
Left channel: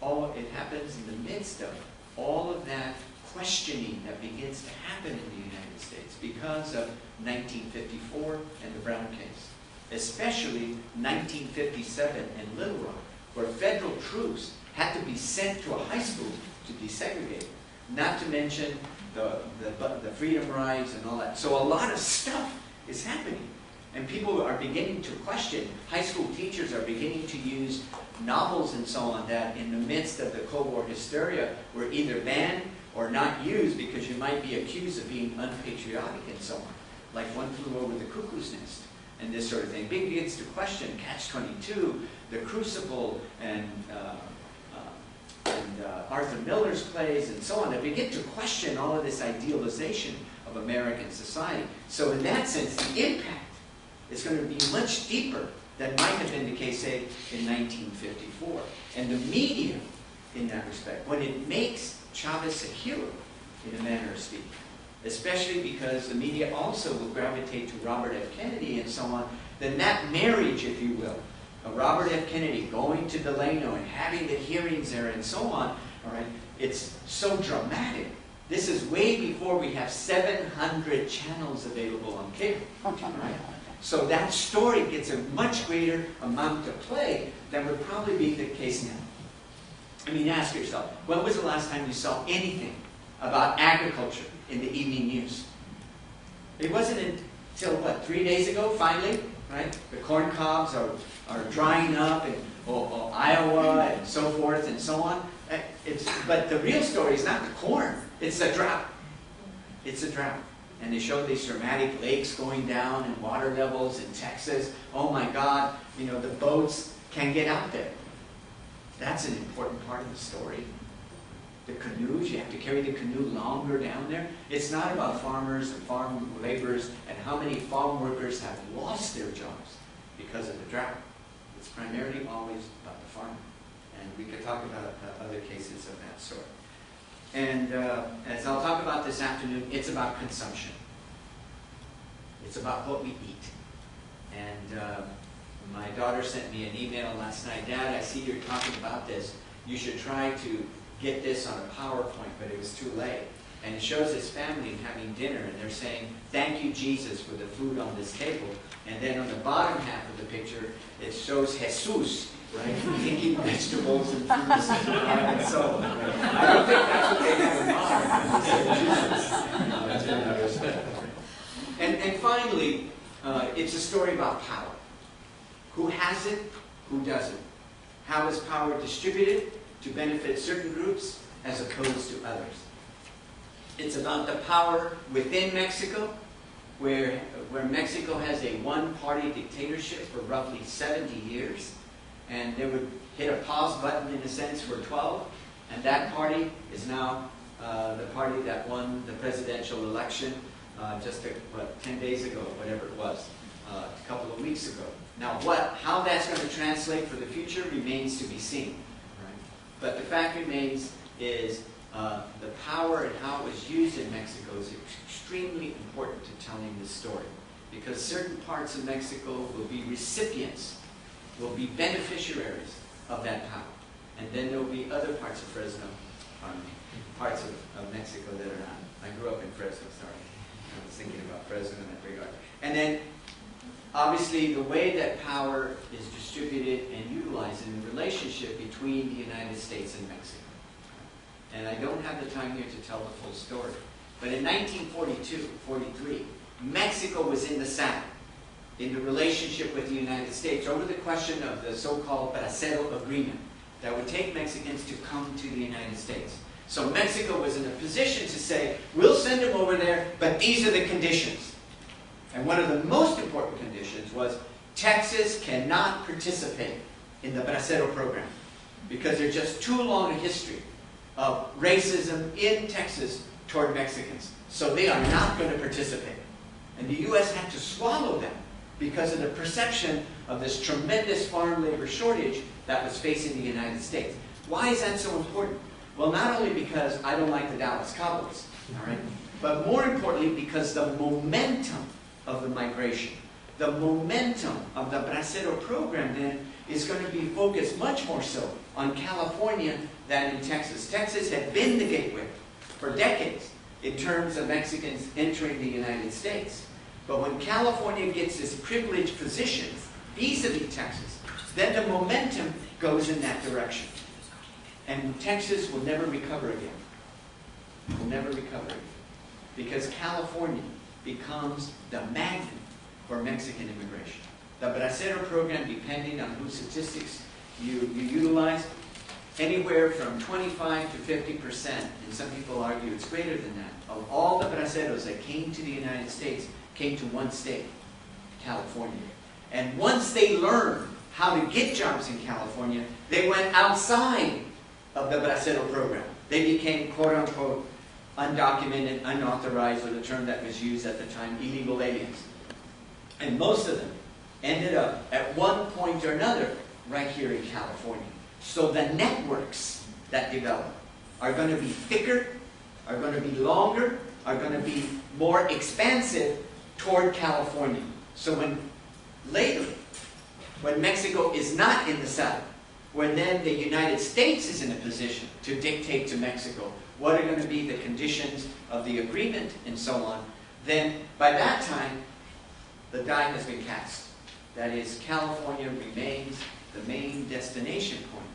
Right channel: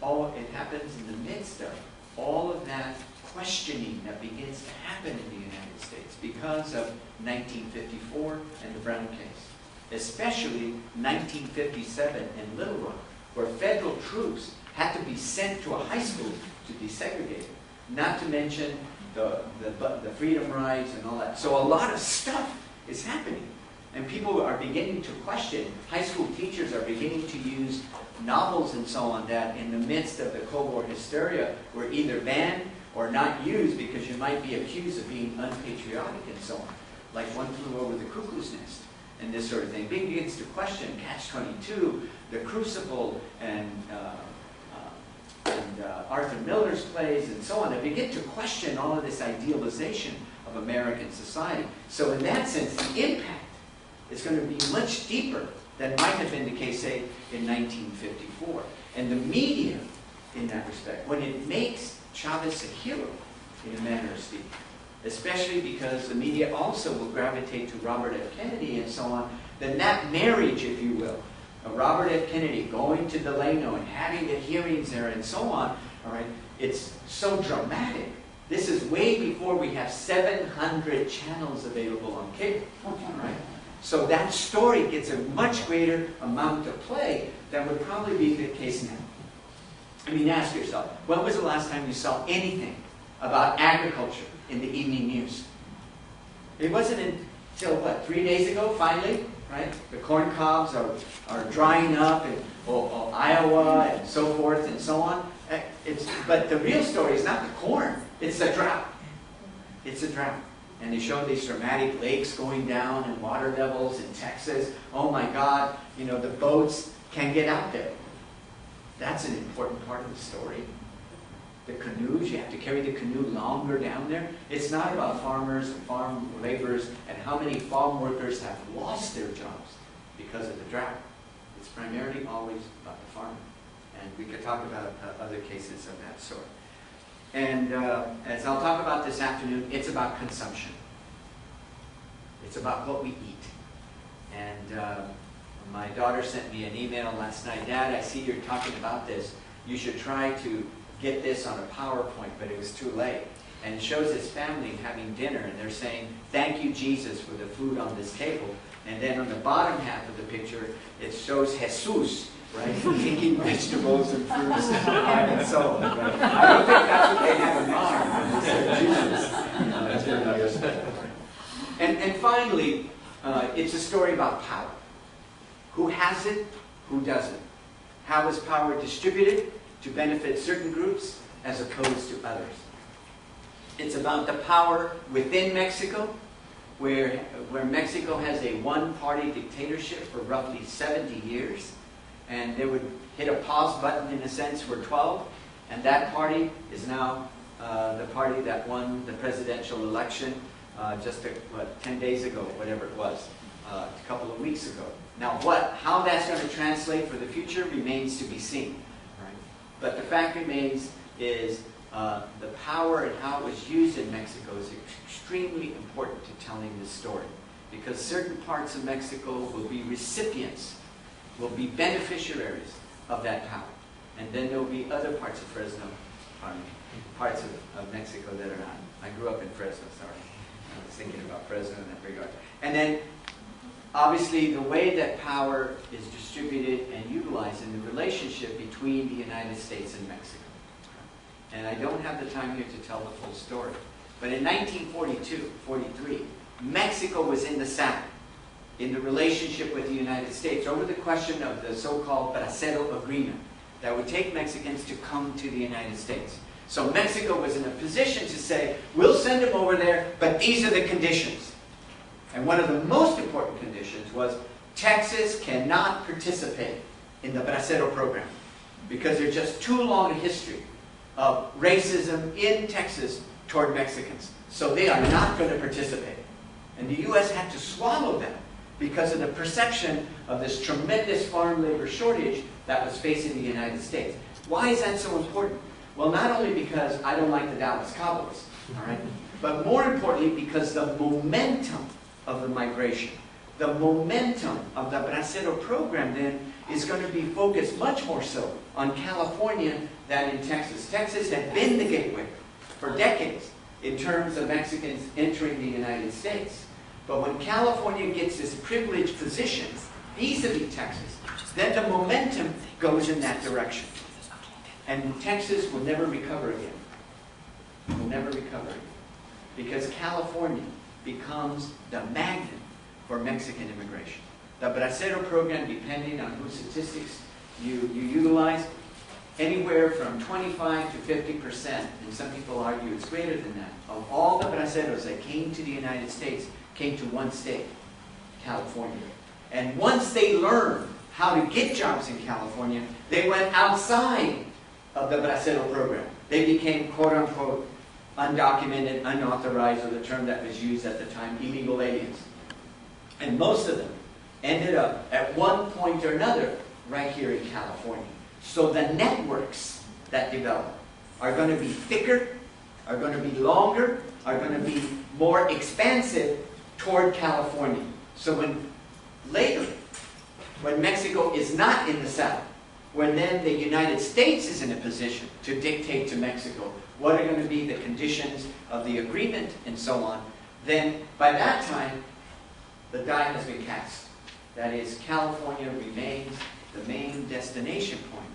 it happens in the midst of all of that questioning that begins to happen in the United States because of 1954 and the Brown case. Especially 1957 in Little Rock, where federal troops had to be sent to a high school to desegregate. Not to mention the freedom rides and all that. So a lot of stuff is happening. And people are beginning to question. High school teachers are beginning to use novels and so on that in the midst of the Cold War hysteria were either banned or not used because you might be accused of being unpatriotic and so on. Like One Flew Over the Cuckoo's Nest and this sort of thing. Begins to question Catch-22, The Crucible, and Arthur Miller's plays and so on. They begin to question all of this idealization of American society. So in that sense, the impact is going to be much deeper than might have been the case, say, in 1954. And the media, in that respect, when it makes Chavez a hero, in a manner of speaking, especially because the media also will gravitate to Robert F. Kennedy and so on, then that marriage, if you will, of Robert F. Kennedy going to Delano and having the hearings there and so on, all right, it's so dramatic. This is way before we have 700 channels available on cable, right? So that story gets a much greater amount of play than would probably be the case now. I mean, ask yourself, when was the last time you saw anything about agriculture in the evening news? It wasn't until, what, 3 days ago, finally, right? The corn cobs are drying up in Iowa and so forth and so on. But the real story is not the corn, it's the drought. It's a drought. And they show these dramatic lakes going down and water levels in Texas. Oh my God, you know, the boats can't get out there. That's an important part of the story. The canoes, you have to carry the canoe longer down there. It's not about farmers and farm laborers and how many farm workers have lost their jobs because of the drought. It's primarily always about the farmer. And we could talk about other cases of that sort. And as I'll talk about this afternoon, it's about consumption. It's about what we eat. And my daughter sent me an email last night. Dad, I see you're talking about this. You should try to get this on a PowerPoint, but it was too late. And it shows his family having dinner, and they're saying, thank you, Jesus, for the food on this table. And then on the bottom half of the picture, it shows Jesus, right, picking vegetables and fruits and so on. Right? I don't think that's what they have in mind when they say Jesus. That's very understood. And finally, it's a story about power. Who has it, who doesn't? How is power distributed to benefit certain groups as opposed to others? It's about the power within Mexico, where Mexico has a one-party dictatorship for roughly 70 years. And they would hit a pause button, in a sense, for 12. And that party is now the party that won the presidential election just 10 days ago, whatever it was, a couple of weeks ago. Now, how that's going to translate for the future remains to be seen. Right? But the fact remains is the power and how it was used in Mexico is extremely important to telling this story. Because certain parts of Mexico will be recipients, will be beneficiaries of that power. And then there will be other parts of Fresno, parts of Mexico that are not. I grew up in Fresno, sorry. I was thinking about Fresno in that regard. And then, obviously, the way that power is distributed and utilized in the relationship between the United States and Mexico. And I don't have the time here to tell the full story. But in 1942-43, Mexico was in the saddle in the relationship with the United States over the question of the so-called Bracero agreement that would take Mexicans to come to the United States. So Mexico was in a position to say, we'll send them over there, but these are the conditions. And one of the most important conditions was Texas cannot participate in the Bracero program because there's just too long a history of racism in Texas toward Mexicans. So they are not going to participate. And the U.S. had to swallow that because of the perception of this tremendous farm labor shortage that was facing the United States. Why is that so important? Well, not only because I don't like the Dallas Cowboys, all right, but more importantly because the momentum of the migration, the momentum of the Bracero program then is going to be focused much more so on California than in Texas. Texas had been the gateway for decades in terms of Mexicans entering the United States. But when California gets this privileged position vis-a-vis Texas, then the momentum goes in that direction. And Texas will never recover again. Will never recover again. Because California becomes the magnet for Mexican immigration. The Bracero program, depending on whose statistics you utilize, anywhere from 25 to 50%, and some people argue it's greater than that, of all the Braceros that came to the United States came to one state, California. And once they learned how to get jobs in California, they went outside of the Bracero program. They became, quote-unquote, undocumented, unauthorized, or the term that was used at the time, illegal aliens. And most of them ended up at one point or another right here in California. So the networks that develop are going to be thicker, are going to be longer, are going to be more expansive toward California. So when later, when Mexico is not in the south, when then the United States is in a position to dictate to Mexico what are going to be the conditions of the agreement and so on, then by that time, the die has been cast. That is, California remains the main destination point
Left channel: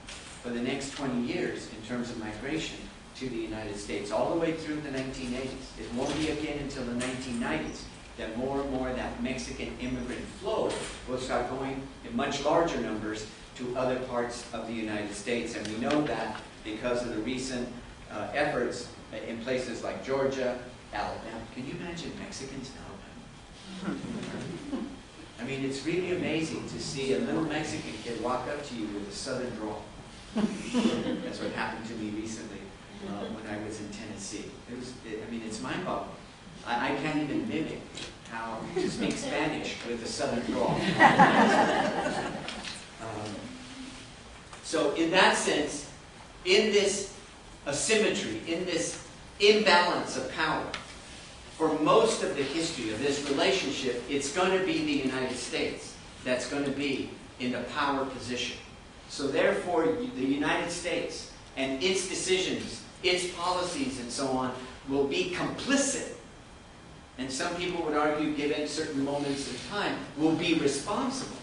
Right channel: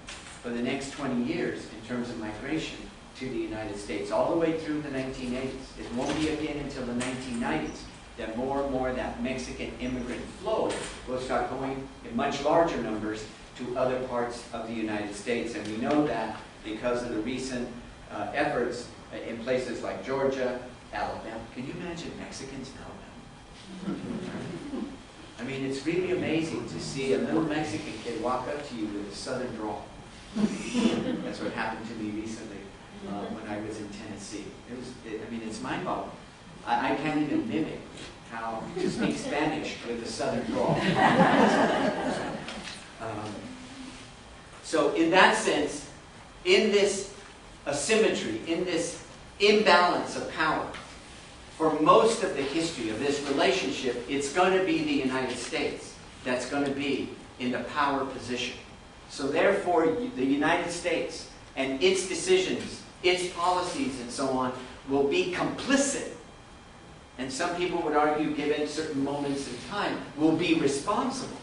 for the next 20 years in terms of migration to the United States, all the way through the 1980s. It won't be again until the 1990s that more and more that Mexican immigrant flow will start going in much larger numbers to other parts of the United States. And we know that because of the recent efforts in places like Georgia, Alabama. Can you imagine Mexicans in Alabama? I mean, it's really amazing to see a little Mexican kid walk up to you with a southern drawl. That's what happened to me recently when I was in Tennessee. I mean, it's mind-boggling. I can't even mimic how to speak Spanish with a southern drawl. So in that sense, in this asymmetry, in this imbalance of power, for most of the history of this relationship, it's going to be the United States that's going to be in the power position. So therefore, the United States and its decisions, its policies and so on, will be complicit. And some people would argue, given certain moments in time, will be responsible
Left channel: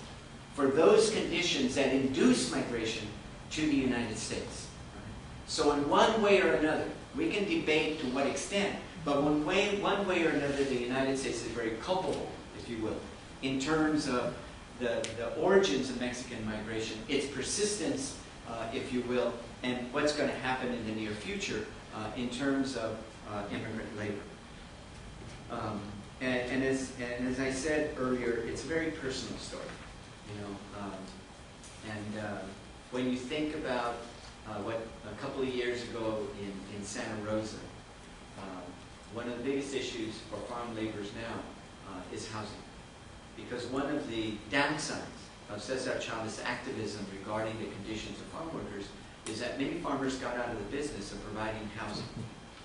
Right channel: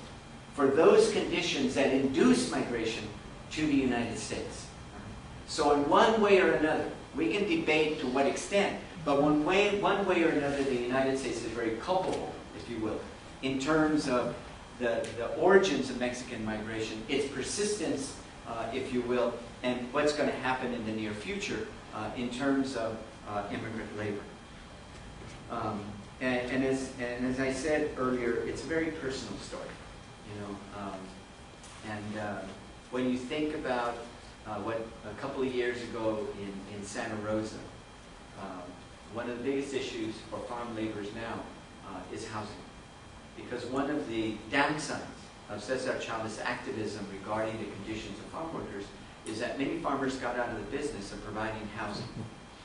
for those conditions that induce migration to the United States. So in one way or another, we can debate to what extent, but one way or another, the United States is very culpable, if you will, in terms of the origins of Mexican migration, its persistence, if you will, and what's going to happen in the near future in terms of immigrant labor. And as I said earlier, it's a very personal story, you know. When you think about what a couple of years ago in Santa Rosa, one of the biggest issues for farm laborers now is housing. Because one of the downsides of Cesar Chavez's activism regarding the conditions of farm workers is that many farmers got out of the business of providing housing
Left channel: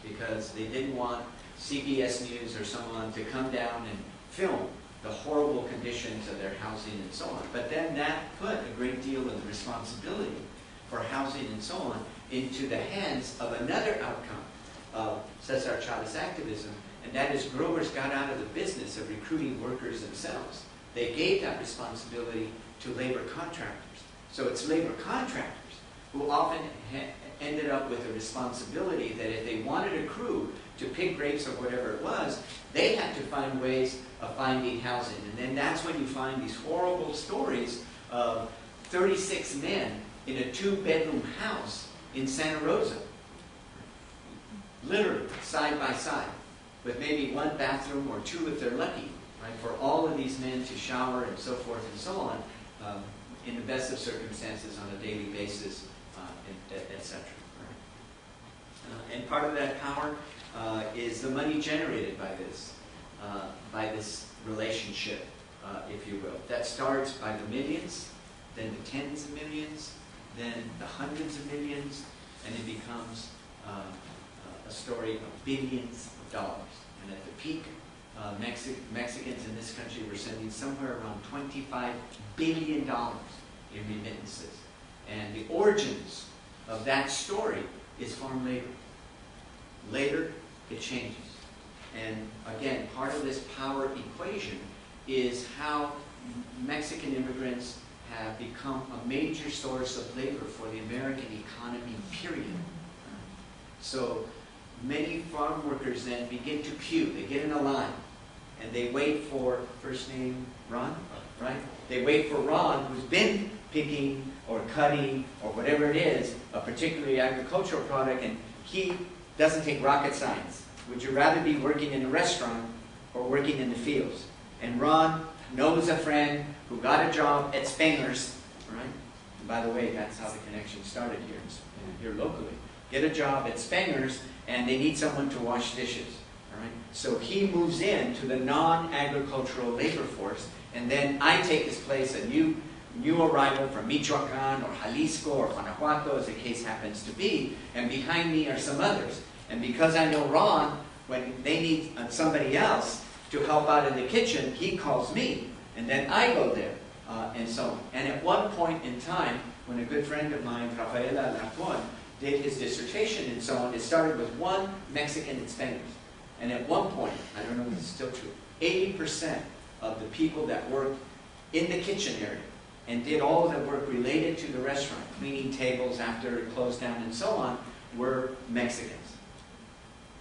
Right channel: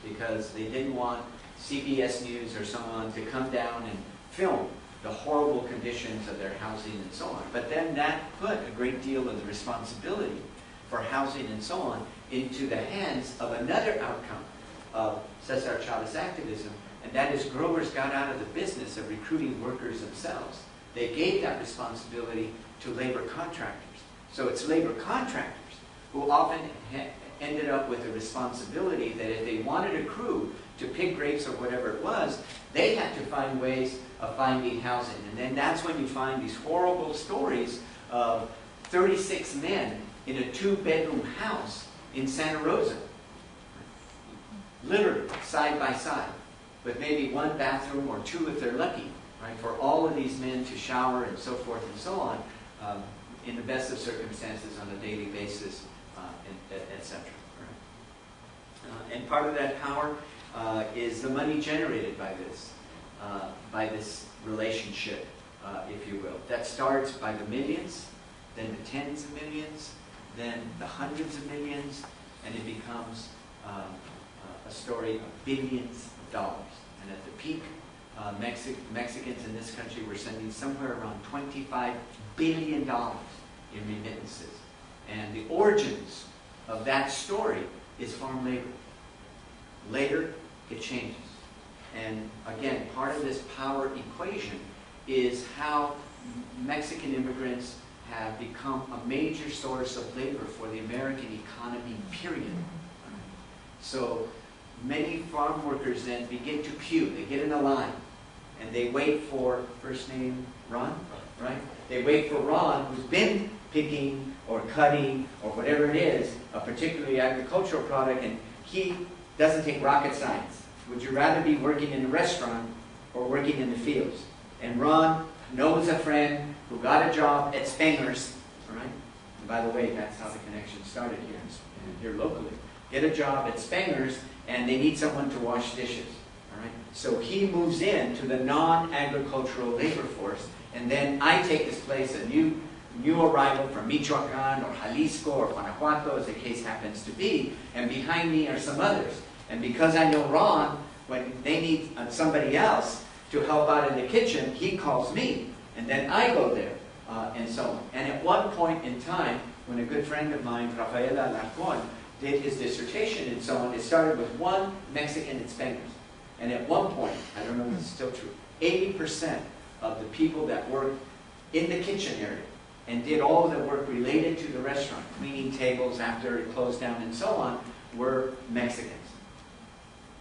because they didn't want CBS News or someone to come down and film the horrible conditions of their housing and so on. But then that put a great deal of the responsibility for housing and so on into the hands of another outcome of Cesar Chavez's activism, and that is growers got out of the business of recruiting workers themselves. They gave that responsibility to labor contractors. So it's labor contractors who often ended up with the responsibility that if they wanted a crew to pick grapes or whatever it was, they had to find ways of finding housing. And then that's when you find these horrible stories of 36 men in a 2-bedroom house in Santa Rosa, literally side by side, with maybe one bathroom or two if they're lucky, right, for all of these men to shower and so forth and so on, in the best of circumstances on a daily basis, etc. Right? And part of that power is the money generated by this relationship, if you will. That starts by the millions, then the tens of millions, then the hundreds of millions, and it becomes a story of billions of dollars. And at the peak, Mexicans in this country were sending somewhere around $25 billion in remittances. And the origins of that story is farm labor. Later, it changes. And again, part of this power equation is how Mexican immigrants have become a major source of labor for the American economy, period. So many farm workers then begin to queue. They get in a line, and they wait for, first name, Ron, right? They wait for Ron, who's been picking or cutting or whatever it is, a particularly agricultural product, and he doesn't take rocket science. Would you rather be working in a restaurant or working in the fields? And Ron knows a friend who got a job at Spenger's, right? And by the way, that's how the connection started here locally. get a job at Spenger's, and they need someone to wash dishes. All right? So he moves into the non-agricultural labor force, and then I take his place, a new arrival from Michoacan or Jalisco or Guanajuato, as the case happens to be, and behind me are some others. And because I know Ron, when they need somebody else to help out in the kitchen, he calls me, and then I go there, and so on. And at one point in time, when a good friend of mine, Rafaela Alarcon, did his dissertation and so on, it started with one Mexican at Spenger's. And at one point, I don't know if this is still true, 80% of the people that worked in the kitchen area and did all the work related to the restaurant, cleaning tables after it closed down and so on, were Mexicans.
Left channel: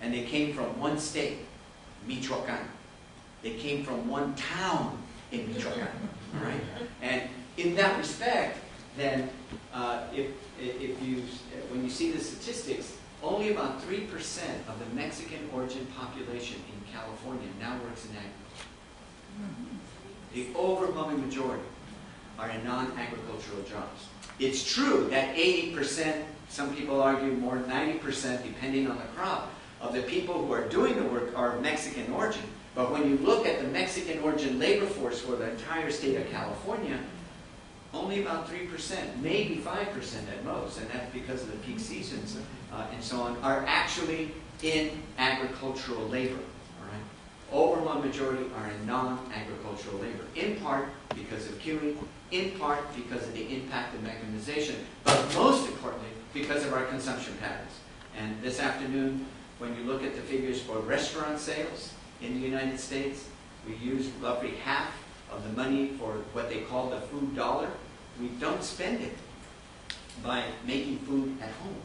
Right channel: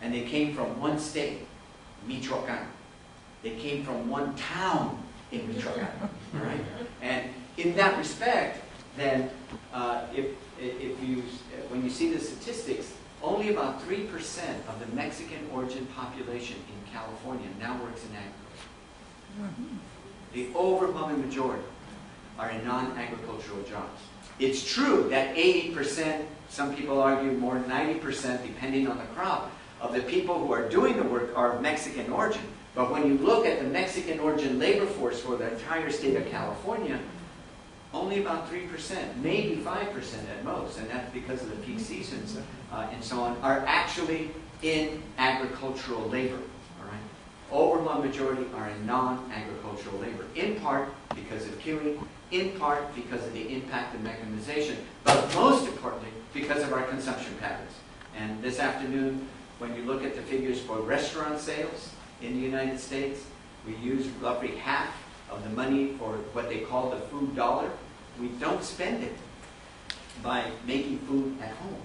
And they came from one state, Michoacan. They came from one town in Michoacan, all right? And in that respect, then, when you see the statistics, only about 3% of the Mexican origin population in California now works in agriculture. The overwhelming majority are in non-agricultural jobs. It's true that 80%, some people argue more than 90%, depending on the crop, of the people who are doing the work are of Mexican origin. But when you look at the Mexican origin labor force for the entire state of California, only about 3%, maybe 5% at most, and that's because of the peak seasons and so on, are actually in agricultural labor. All right? Overwhelming majority are in non-agricultural labor, in part because of queuing, in part because of the impact of mechanization, but most importantly because of our consumption patterns. And this afternoon, when you look at the figures for restaurant sales in the United States, we use roughly half of the money for what they call the food dollar. We don't spend it by making food at home.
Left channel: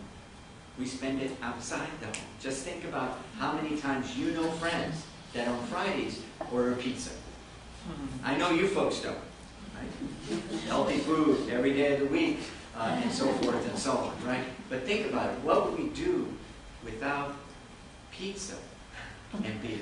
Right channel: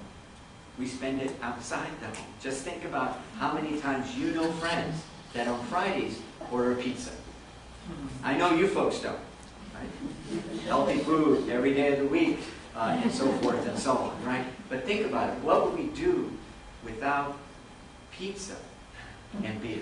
We spend it outside the home. Just think about how many times you know friends that on Fridays order pizza. I know you folks don't, right? Healthy food every day of the week, and so forth and so on, right? But think about it. What would we do without pizza and beer?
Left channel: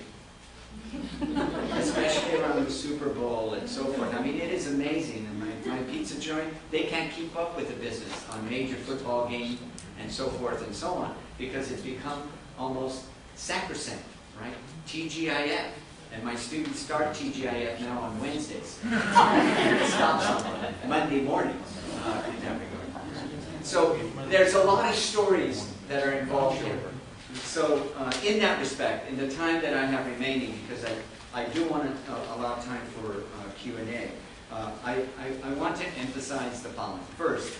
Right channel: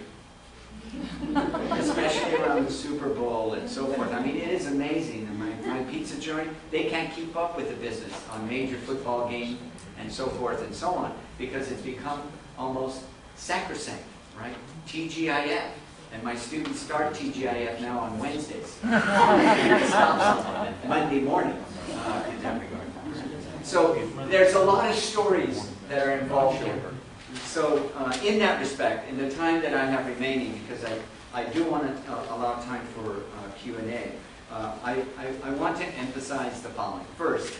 Especially around the Super Bowl and so forth. I mean, it is amazing. And my pizza joint, they can't keep up with the business on major football games and so forth and so on, because it's become almost sacrosanct, right? TGIF. And my students start TGIF now on Wednesdays. And it stops on Monday morning. So there's a lot of stories that are involved here. So in that respect, in the time that I have remaining, because I do want to allow time for Q&A, I want to emphasize the following. First,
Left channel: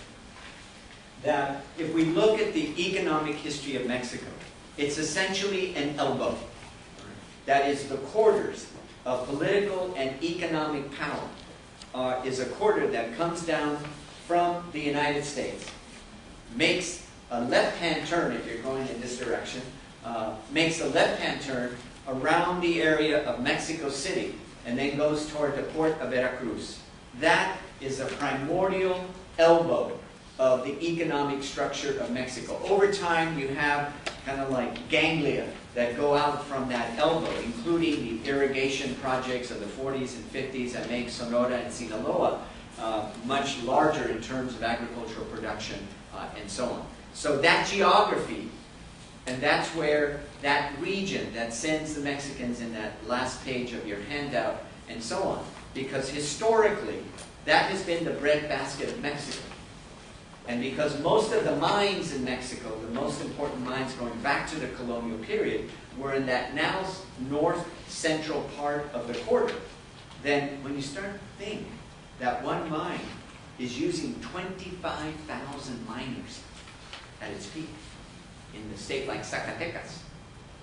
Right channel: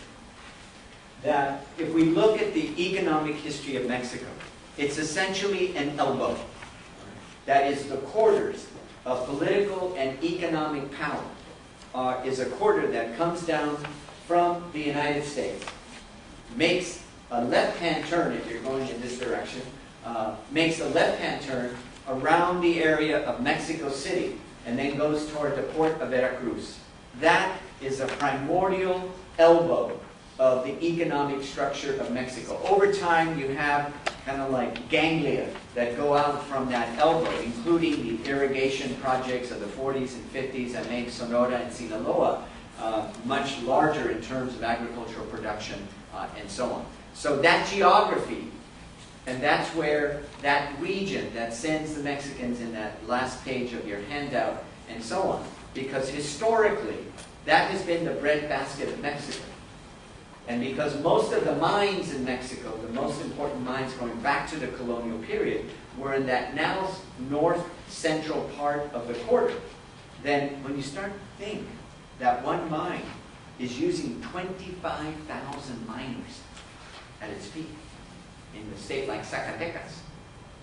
that if we look at the economic history of Mexico, it's essentially an elbow. That is, the quarters of political and economic power is a quarter that comes down from the United States, makes a left-hand turn if you're going in this direction, makes a left-hand turn around the area of Mexico City, and then goes toward the port of Veracruz. That is a primordial elbow of the economic structure of Mexico. Over time, you have kind of like ganglia that go out from that elbow, including the irrigation projects of the 40s and 50s that make Sonora and Sinaloa much larger in terms of agricultural production and so on. So that geography, and that's where that region that sends the Mexicans in that last page of your handout and so on, because historically, that has been the breadbasket of Mexico. And because most of the mines in Mexico, the most important mines going back to the colonial period, were in that now north-central part of the quarter, then when you start to think that one mine is using 25,000 miners at its peak in a state like Zacatecas,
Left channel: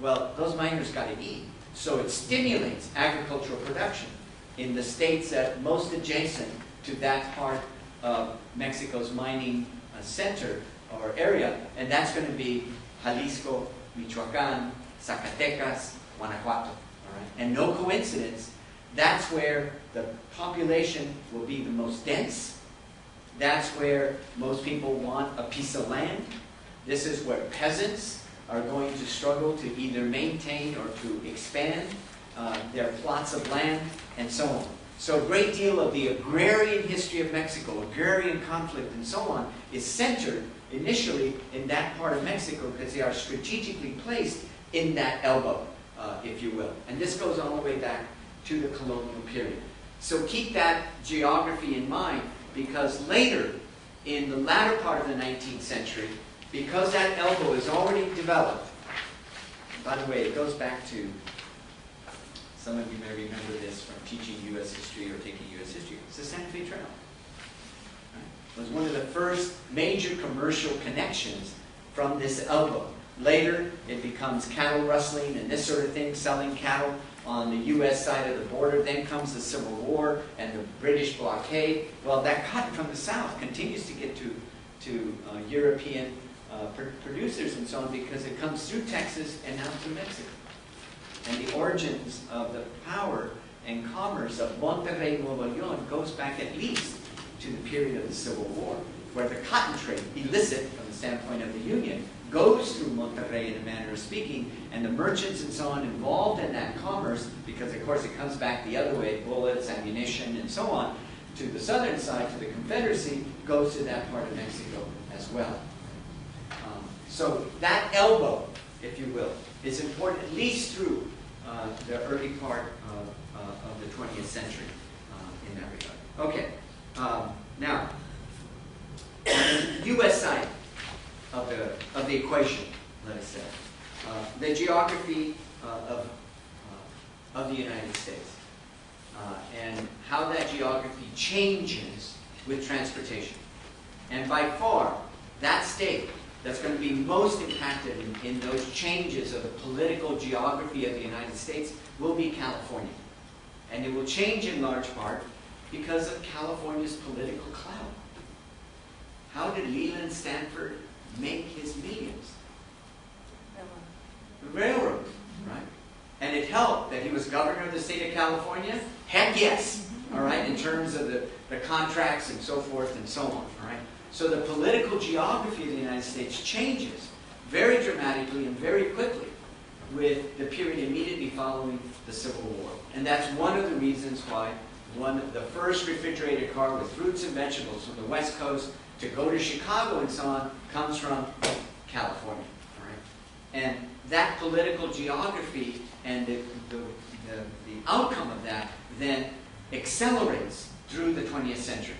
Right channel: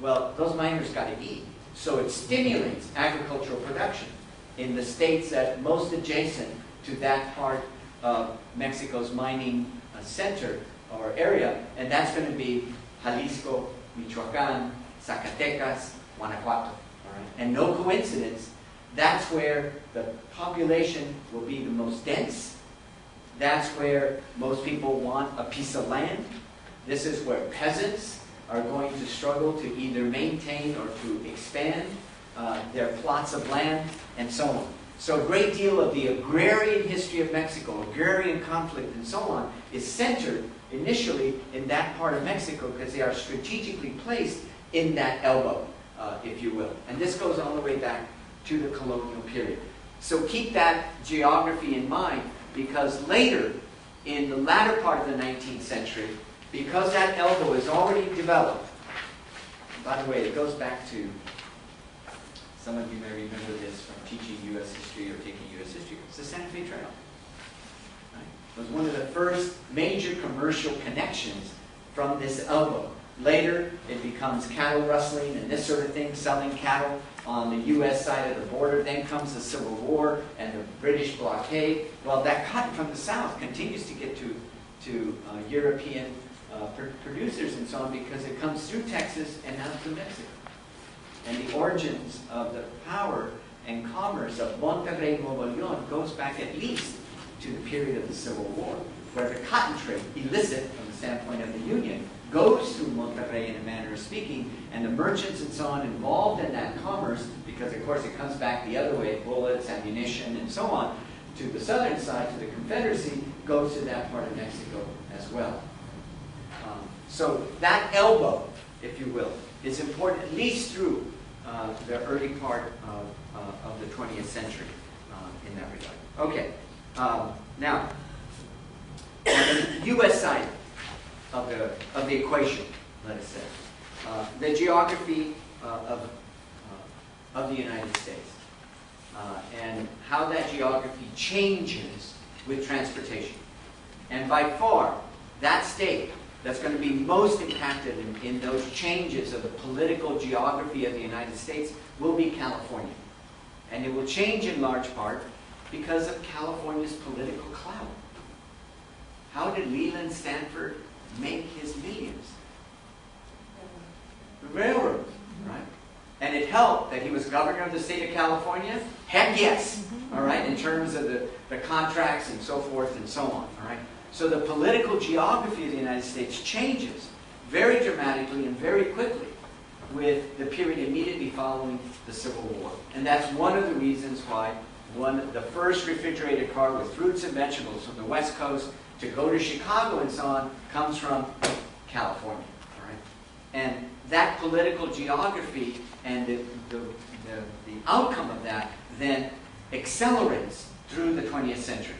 well, those miners got to eat. So it stimulates agricultural production in the states that most adjacent to that part of Mexico's mining center or area, and that's going to be Jalisco, Michoacan, Zacatecas, Guanajuato. All right? And no coincidence, that's where the population will be the most dense. That's where most people want a piece of land. This is where peasants are going to struggle to either maintain or to expand their plots of land and so on. So a great deal of the agrarian history of Mexico, agrarian conflict and so on, is centered initially in that part of Mexico because they are strategically placed in that elbow, if you will. And this goes all the way back to the colonial period. So keep that geography in mind, because later, in the latter part of the 19th century, because that elbow is already developed, and by the way, it goes back to, some of you may remember this from teaching U.S. history or taking U.S. history, it's the Santa Fe Trail. Right? It was one of the first major commercial connections from this elbow. Later, it becomes cattle rustling and this sort of thing, selling cattle on the U.S. side of the border. Then comes the Civil War and the British blockade. Well, that cotton from the South continues to get to European producers and so on because it comes through Texas and now through Mexico. And the origins of the power and commerce of Monterrey, Nuevo León goes back at least to the period of the Civil War, where the cotton trade, illicit from the standpoint of the Union, goes through Monterrey in a manner of speaking, and the merchants and so on involved in that commerce, because of course it comes back the other way, bullets, ammunition, and so on, to the southern side, to the Confederacy, goes to that part of Mexico as well. So that elbow, if you will, is important at least through the early part of the 20th century in that regard. Okay, now, on the U.S. side of the equation, let us say, the geography of the United States and how that geography changes with transportation. And by far, that state that's going to be most impacted in those changes of the political geography of the United States will be California. And it will change in large part because of California's political clout. How did Leland Stanford make his millions? The railroads, right? And it helped that he was governor of the state of California? Heck yes, all right, in terms of the contracts and so forth and so on, all right? So the political geography of the United States changes very dramatically and very quickly with the period immediately following the Civil War. And that's one of the reasons why the first refrigerated car with fruits and vegetables from the West Coast to go to Chicago and so on comes from California. All right? And that political geography and the outcome of that then accelerates through the 20th century.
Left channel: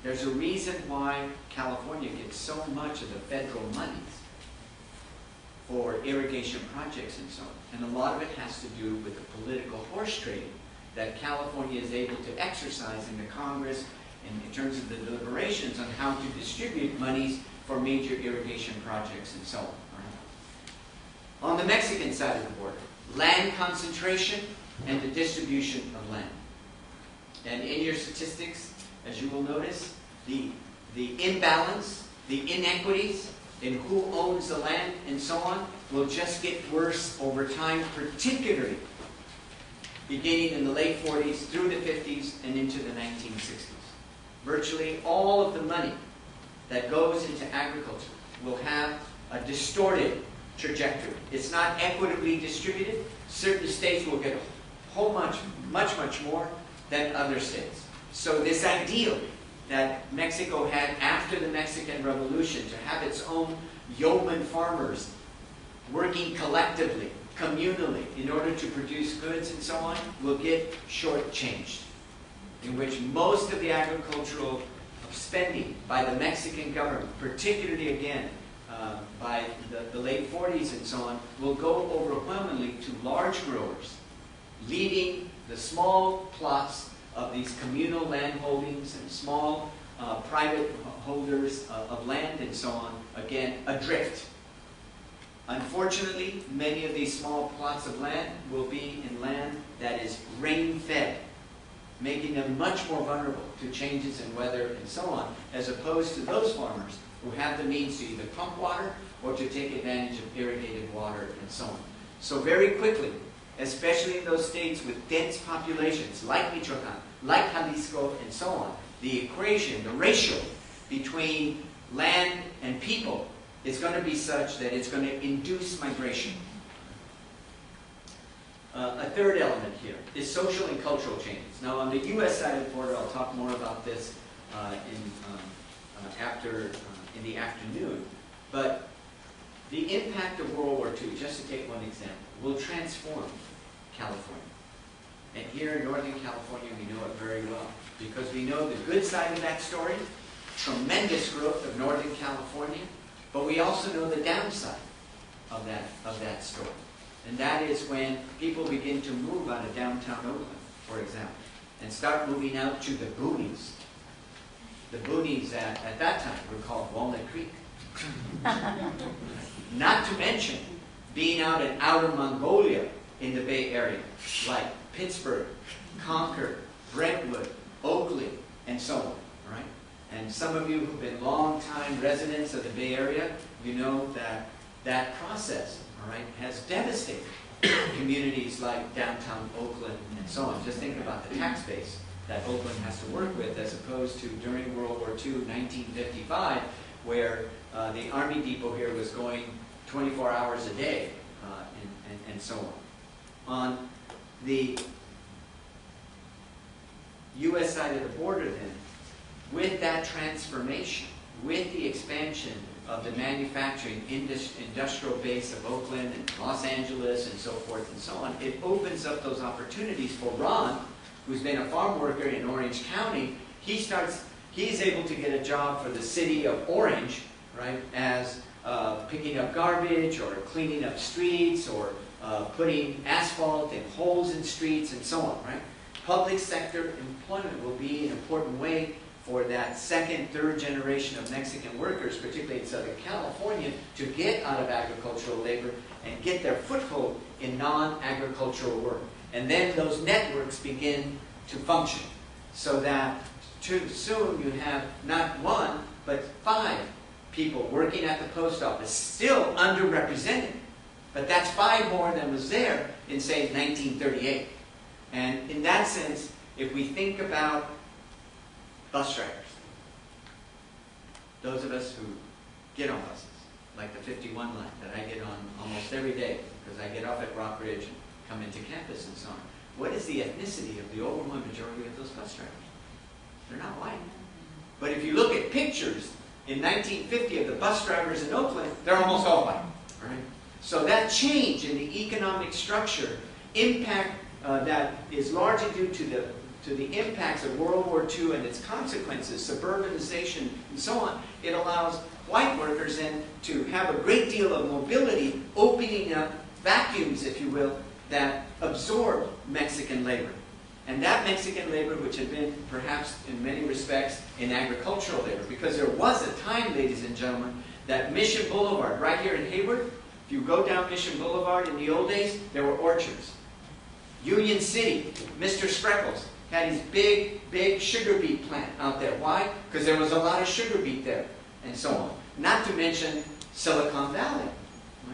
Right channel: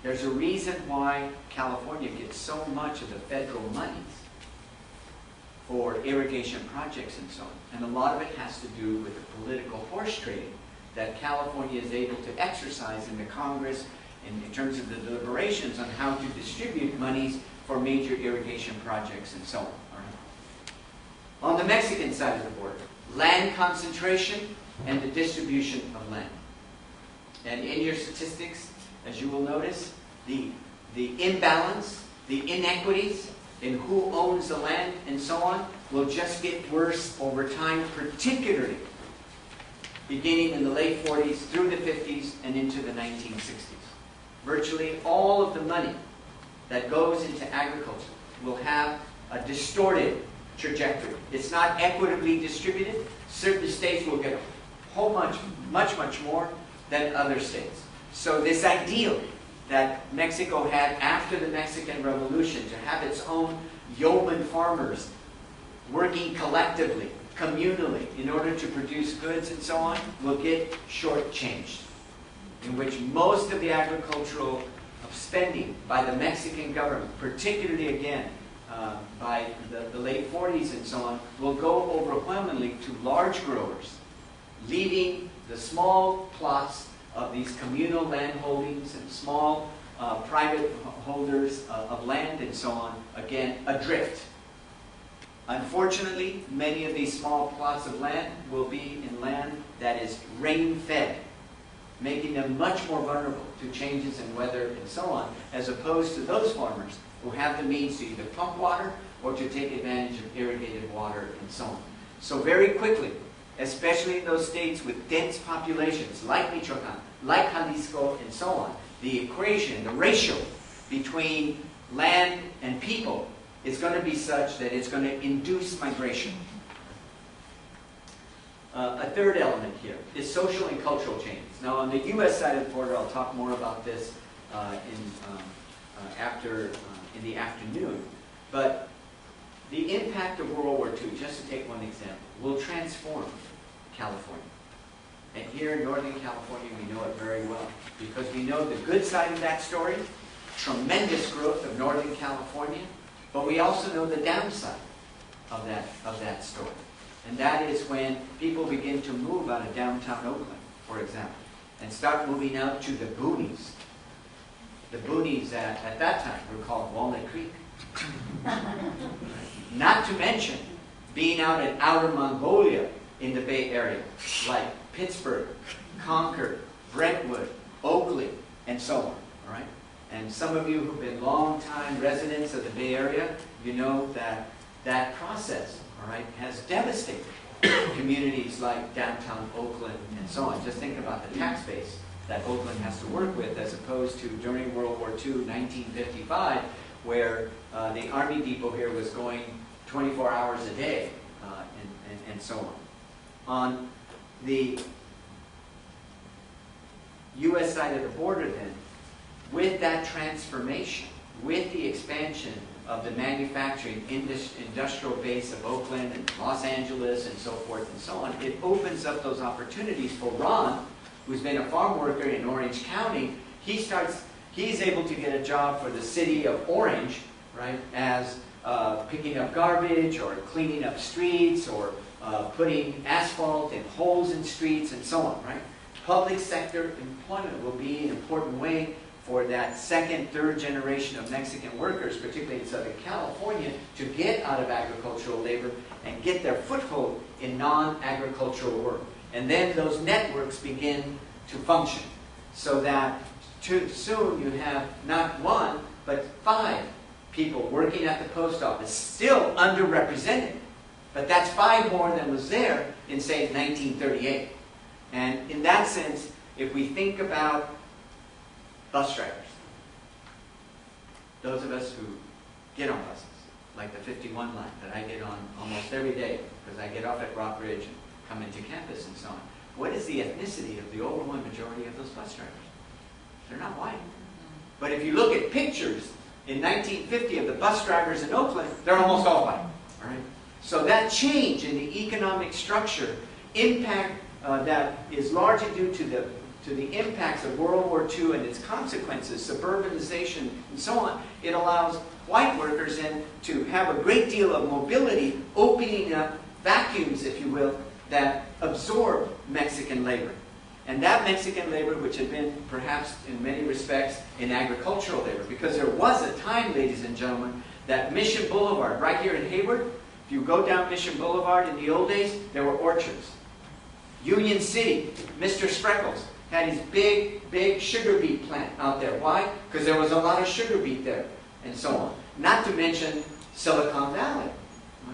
There's a reason why California gets so much of the federal monies for irrigation projects and so on. And a lot of it has to do with the political horse trading that California is able to exercise in the Congress in terms of the deliberations on how to distribute monies for major irrigation projects and so on. All right? On the Mexican side of the border, land concentration and the distribution of land. And in your statistics, as you will notice, the imbalance, the inequities in who owns the land and so on will just get worse over time, particularly beginning in the late 40s through the 50s and into the 1960s. Virtually all of the money that goes into agriculture will have a distorted trajectory. It's not equitably distributed. Certain states will get a whole much more than other states. So this ideal that Mexico had after the Mexican Revolution to have its own yeoman farmers working collectively, communally, in order to produce goods and so on, will get shortchanged, in which most of the agricultural spending by the Mexican government, particularly again by the late 40s and so on, will go overwhelmingly to large growers, leaving the small plots of these communal land holdings and small private holders of land and so on, again, adrift. Unfortunately, many of these small plots of land will be in land that is rain-fed, making them much more vulnerable to changes in weather and so on, as opposed to those farmers who have the means to either pump water or to take advantage of irrigated water and so on. So very quickly, especially in those states with dense populations like Michoacan, like Jalisco, and so on, the equation, the ratio between land and people is going to be such that it's going to induce migration. A third element here is social and cultural changes. Now, on the U.S. side of the border, I'll talk more about this in the afternoon. But the impact of World War II, just to take one example, will transform California. And here in Northern California, we know it very well, because we know the good side of that story, tremendous growth of Northern California, but we also know the downside of that story. And that is when people begin to move out of downtown Oakland, for example, and start moving out to the boonies. The boonies that at that time were called Walnut Creek. Not to mention being out in outer Mongolia in the Bay Area, like Pittsburgh, Concord, Brentwood, Oakley, and so on. All right? And some of you who've been long-time residents of the Bay Area, you know that that process, all right, has devastated communities like downtown Oakland and so on. Just think about the tax base that Oakland has to work with, as opposed to during World War II, 1955, where the Army Depot here was going 24 hours a day, and so on. On the U.S. side of the border, then, with that transformation, with the expansion of the manufacturing industrial base of Oakland and Los Angeles and so forth and so on, it opens up those opportunities for Ron, who's been a farm worker in Orange County. He's able to get a job for the city of Orange, right, as picking up garbage or cleaning up streets or putting asphalt in holes in streets and so on, right? Public sector employment will be an important way for that second, third generation of Mexican workers, particularly in Southern California, to get out of agricultural labor and get their foothold in non-agricultural work. And then those networks begin to function, so that soon you have not one, but 5 people working at the post office, still underrepresented. But that's 5 more than was there in, say, 1938. And in that sense, if we think about bus drivers, those of us who get on buses, like the 51 line that I get on almost every day, because I get off at Rockridge and come into campus and so on. What is the ethnicity of the overwhelming majority of those bus drivers? They're not white. But if you look at pictures in 1950 of the bus drivers in Oakland, they're almost all white. All right? So that change in the economic structure, impact that is largely due to the impacts of World War II and its consequences, suburbanization and so on, it allows white workers then to have a great deal of mobility, opening up vacuums, if you will, that absorb Mexican labor. And that Mexican labor, which had been perhaps in many respects in agricultural labor, because there was a time, ladies and gentlemen, that Mission Boulevard, right here in Hayward, if you go down Mission Boulevard in the old days, there were orchards. Union City, Mr. Spreckles had his big sugar beet plant out there. Why? Because there was a lot of sugar beet there, and so on. Not to mention Silicon Valley.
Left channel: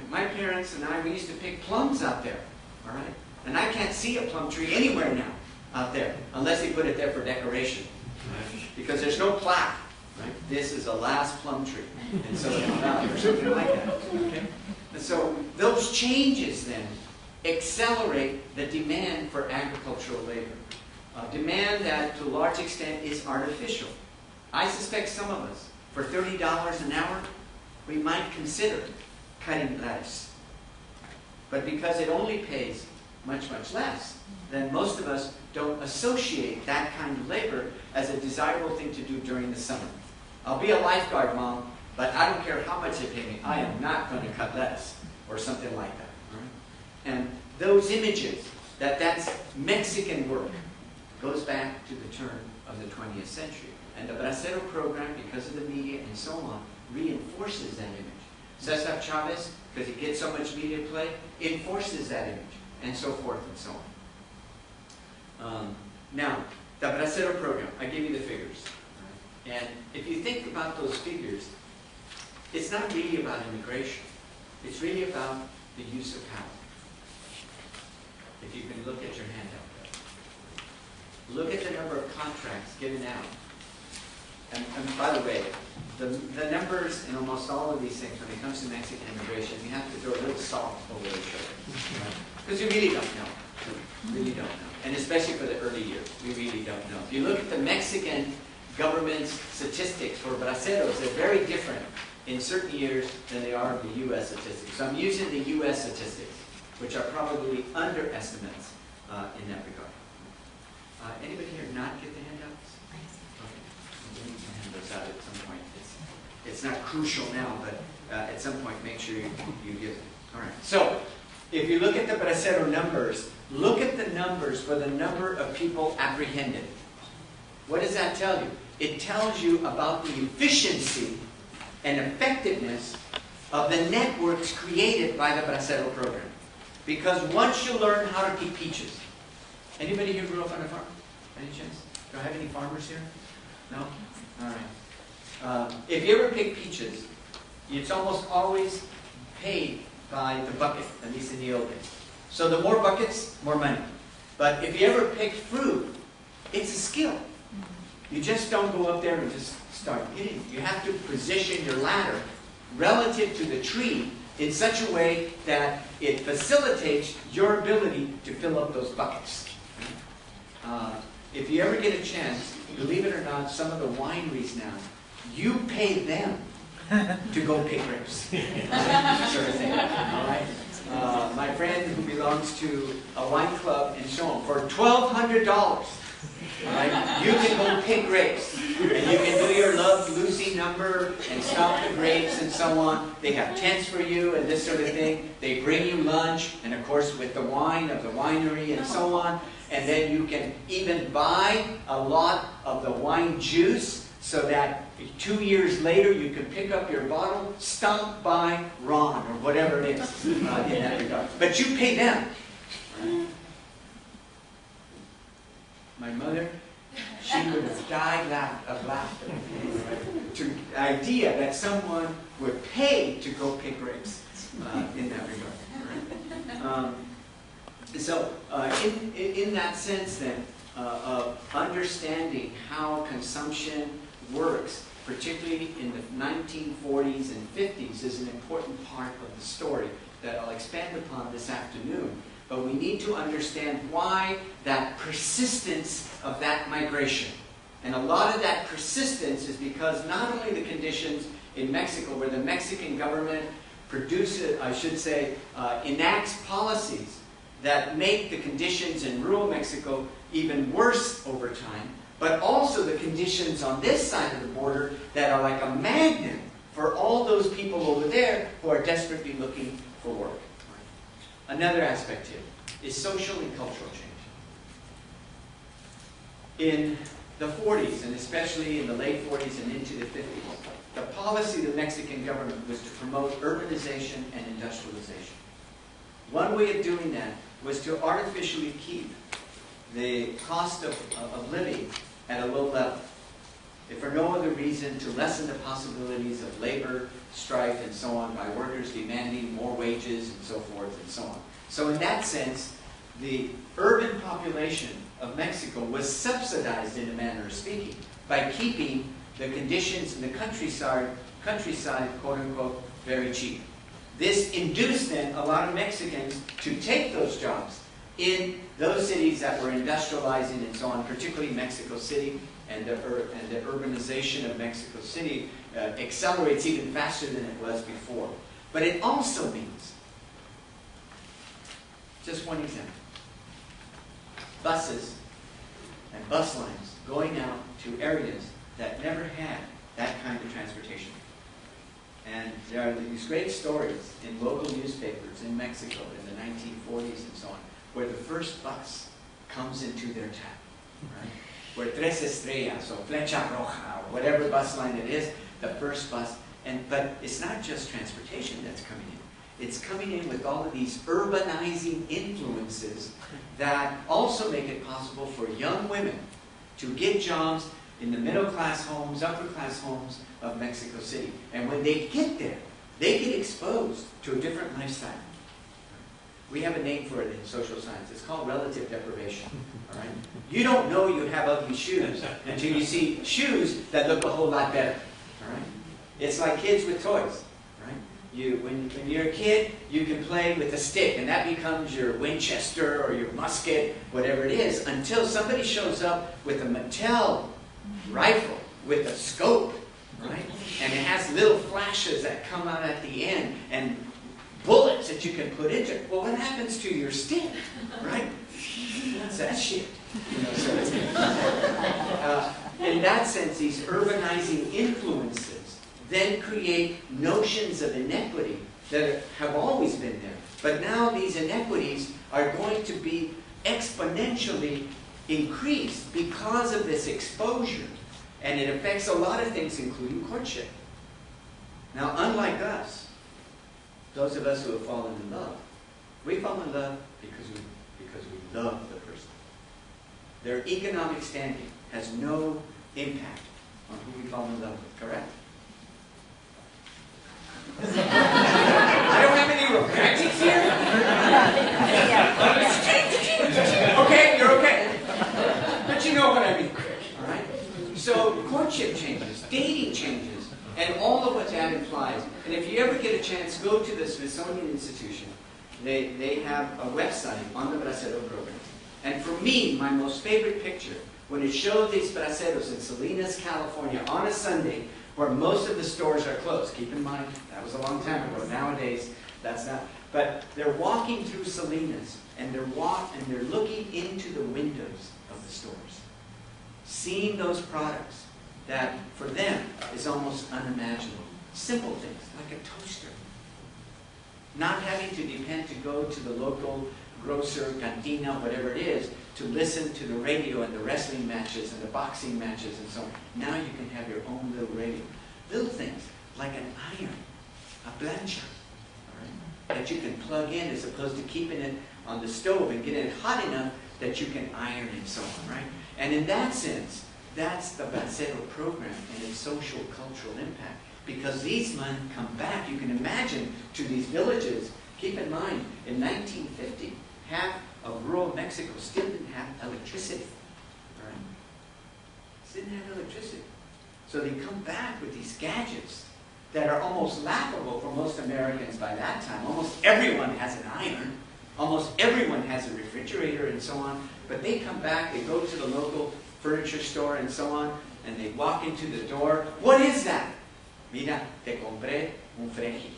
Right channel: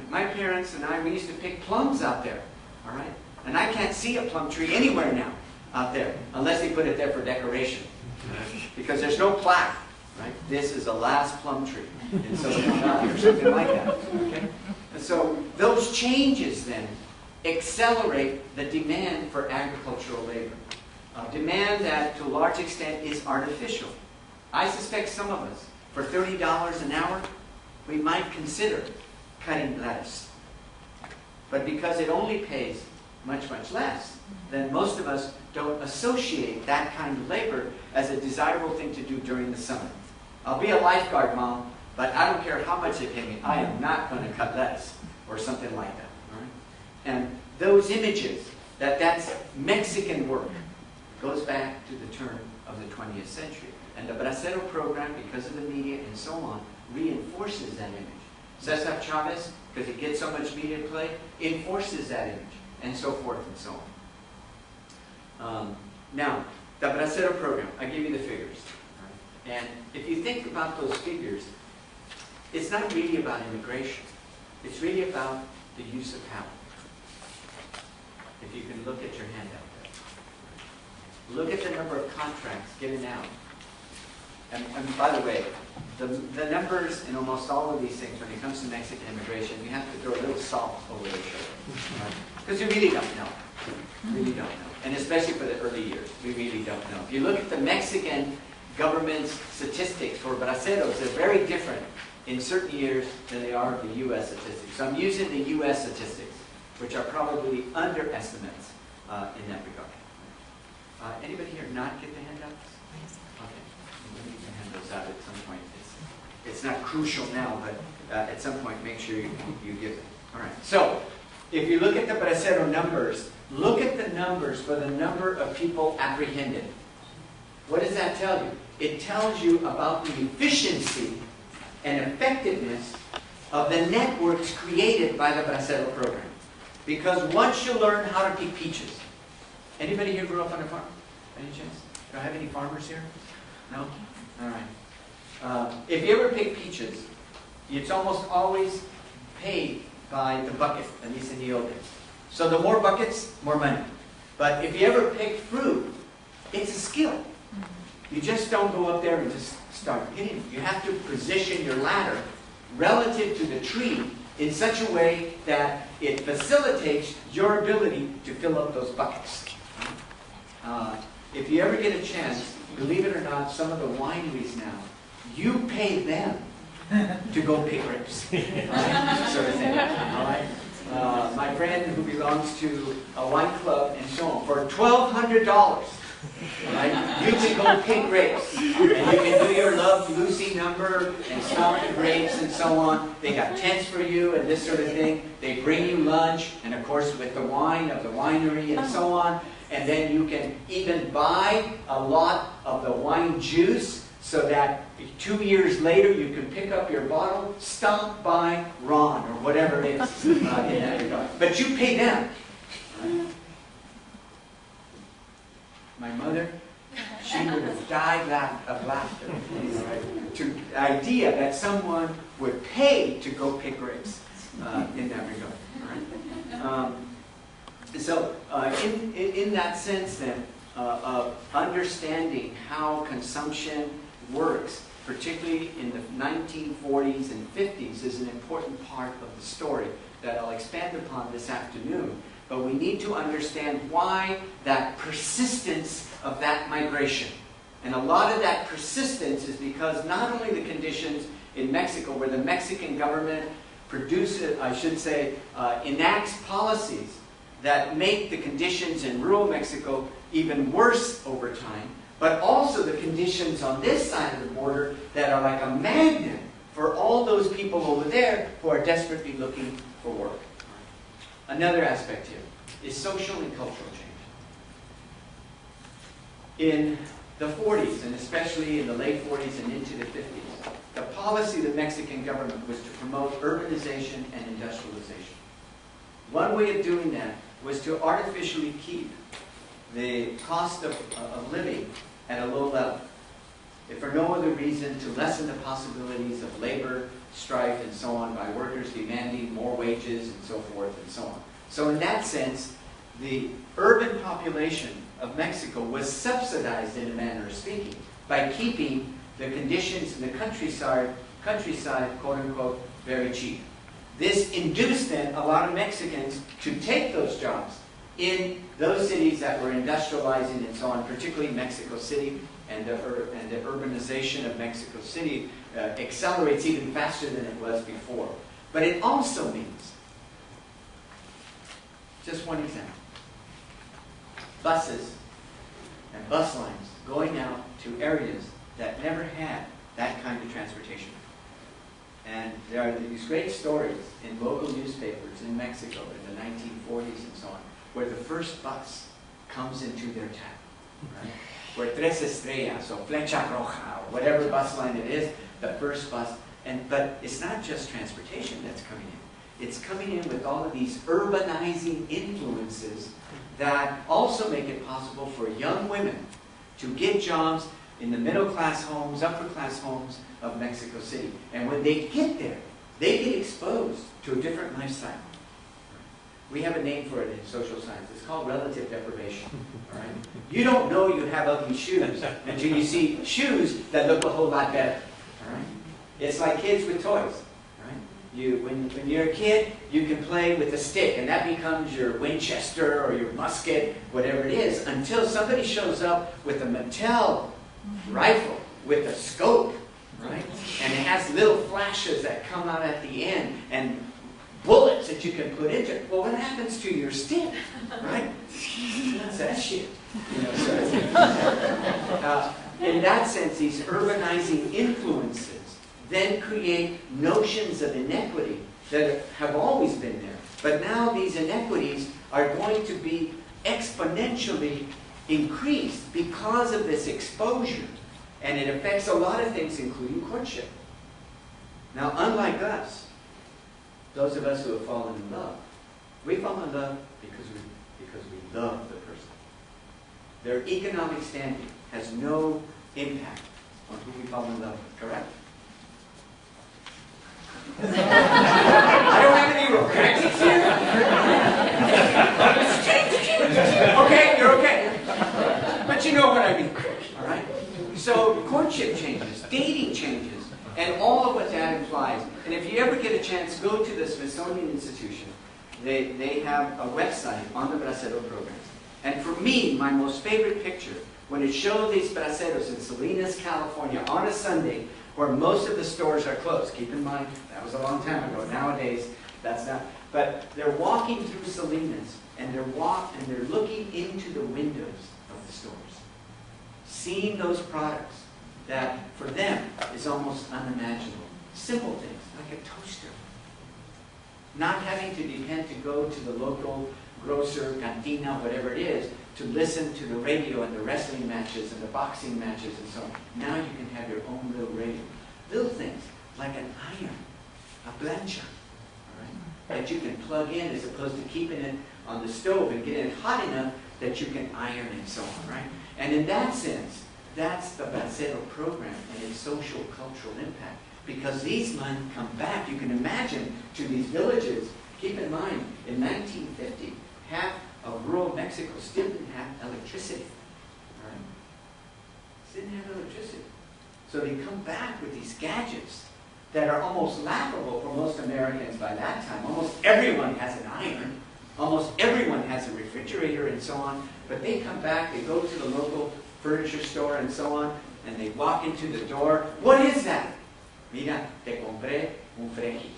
My parents and I, we used to pick plums out there, all right? And I can't see a plum tree anywhere now out there, unless they put it there for decoration, right? Because there's no plaque, right? This is the last plum tree in Silicon Valley, or something like that, okay? And so those changes then accelerate the demand for agricultural labor. Demand that, to a large extent, is artificial. I suspect some of us, for $30 an hour, we might consider cutting lettuce. But because it only pays much, much less, then most of us don't associate that kind of labor as a desirable thing to do during the summer. I'll be a lifeguard, Mom, but I don't care how much they pay me. I am not going to cut lettuce or something like that. All right? And those images, that's Mexican work, goes back to the turn of the 20th century. And the Bracero program, because of the media and so on, reinforces that image. Cesar Chavez, because it gets so much media play, enforces that image, and so forth and so on. Now, the Bracero program, I give you the figures. Right? And if you think about those figures, it's not really about immigration. It's really about the use of power. If you can look at your handout there. Look at the number of contracts given out. And by the way, the numbers in almost all of these things, when it comes to Mexican immigration, you have to throw a little salt over their shoulder. Right? Because you really don't know. Really don't know. And especially for the early years, we really don't know. If you look at the Mexican government's statistics for braceros, they're very different in certain years than they are the U.S. statistics. So I'm using the U.S. statistics, which are probably underestimates in that regard. Anybody here not get the handouts? Okay. We need to hand those out at some point. It's not crucial now, but at some point make sure you give them. All right. So if you look at the Bracero numbers, look at the numbers for the number of people apprehended. What does that tell you? It tells you about the efficiency and effectiveness of the networks created by the Bracero program. Because once you learn how to pick peaches, anybody here grew up on a farm? Any chance? Do I have any farmers here? No? All right. If you ever pick peaches, it's almost always paid by the bucket, at least in the old days. So the more buckets, more money. But if you ever pick fruit, it's a skill. You just don't go up there and just start hitting. You have to position your ladder relative to the tree in such a way that it facilitates your ability to fill up those buckets. If you ever get a chance, believe it or not, some of the wineries now, you pay them to go pick grapes. Sort of thing. All right? My friend who belongs to a wine club and so on, for $1,200, right, you can go pick grapes. And you can do your Love Lucy number and stomp the grapes and so on. They got tents for you and this sort of thing. They bring you lunch, and of course with the wine of the winery and so on. And then you can even buy a lot of the wine juice so that 2 years later you can pick up your bottle, stomp by Ron or whatever it is in that regard. But you pay them. Right? My mother, she would have died of laughter. Right? To the idea that someone would pay to go pick grapes in that regard. Right? So in that sense then, of understanding how consumption works, particularly in the 1940s and 50s, is an important part of the story that I'll expand upon this afternoon. But we need to understand why that persistence of that migration. And a lot of that persistence is because not only the conditions in Mexico, where the Mexican government produces, I should say, enacts policies that make the conditions in rural Mexico even worse over time, but also the conditions on this side of the border that are like a magnet for all those people over there who are desperately looking for work. Another aspect here is social and cultural change. In the 40s, and especially in the late 40s and into the 50s, the policy of the Mexican government was to promote urbanization and industrialization. One way of doing that was to artificially keep the cost of living at a low level, if for no other reason to lessen the possibilities of labor, strife, and so on by workers demanding more wages and so forth and so on. So in that sense, the urban population of Mexico was subsidized, in a manner of speaking, by keeping the conditions in the countryside, quote unquote, very cheap. This induced then a lot of Mexicans to take those jobs in those cities that were industrializing and so on, particularly Mexico City, and the urbanization of Mexico City accelerates even faster than it was before. But it also means, just one example, buses and bus lines going out to areas that never had that kind of transportation. And there are these great stories in local newspapers in Mexico in the 1940s and so on, where the first bus comes into their town, right? Where Tres Estrellas or Flecha Roja or whatever bus line it is, the first bus. But it's not just transportation that's coming in. It's coming in with all of these urbanizing influences that also make it possible for young women to get jobs in the middle-class homes, upper-class homes of Mexico City. And when they get there, they get exposed to a different lifestyle. We have a name for it in social science. It's called relative deprivation. All right? You don't know you have ugly shoes until you see shoes that look a whole lot better. All right? It's like kids with toys. Right? When you're a kid, you can play with a stick, and that becomes your Winchester or your musket, whatever it is, until somebody shows up with a Mattel rifle with a scope, right? And it has little flashes that come out at the end, and bullets that you can put into it. Well, what happens to your stick, right? What's that shit? You know, so in that sense, these urbanizing influences then create notions of inequity that have always been there. But now these inequities are going to be exponentially increased because of this exposure. And it affects a lot of things, including courtship. Now, unlike us, those of us who have fallen in love, we fall in love because we love the person. Their economic standing has no impact on who we fall in love with, correct? I don't have any romantics here. Okay, you're okay. But you know what I mean, all right? So courtship changes, dating changes, and all of what that implies. And if you ever get a chance, go to the Smithsonian Institution. They have a website on the Bracero program. And for me, my most favorite picture, when it showed these braceros in Salinas, California, on a Sunday, where most of the stores are closed. Keep in mind, that was a long time ago. Nowadays, that's not. But they're walking through Salinas, and they're looking into the windows of the stores, seeing those products that, for them, is almost unimaginable. Simple things, like a toaster. Not having to depend to go to the local grocer, cantina, whatever it is, to listen to the radio and the wrestling matches and the boxing matches and so on. Now you can have your own little radio. Little things, like an iron, a plancha, all right, that you can plug in as opposed to keeping it on the stove and getting it hot enough that you can iron and so on, right? And in that sense, that's the Bracero program and its social, cultural impact. Because these men come back, you can imagine, to these villages. Keep in mind, in 1950, half of rural Mexico still didn't have electricity. All right? Didn't have electricity. So they come back with these gadgets that are almost laughable for most Americans by that time. Almost everyone has an iron. Almost everyone has a refrigerator and so on. But they come back, they go to the local furniture store and so on, and they walk into the door. What is that? Mira, te compré un fregi.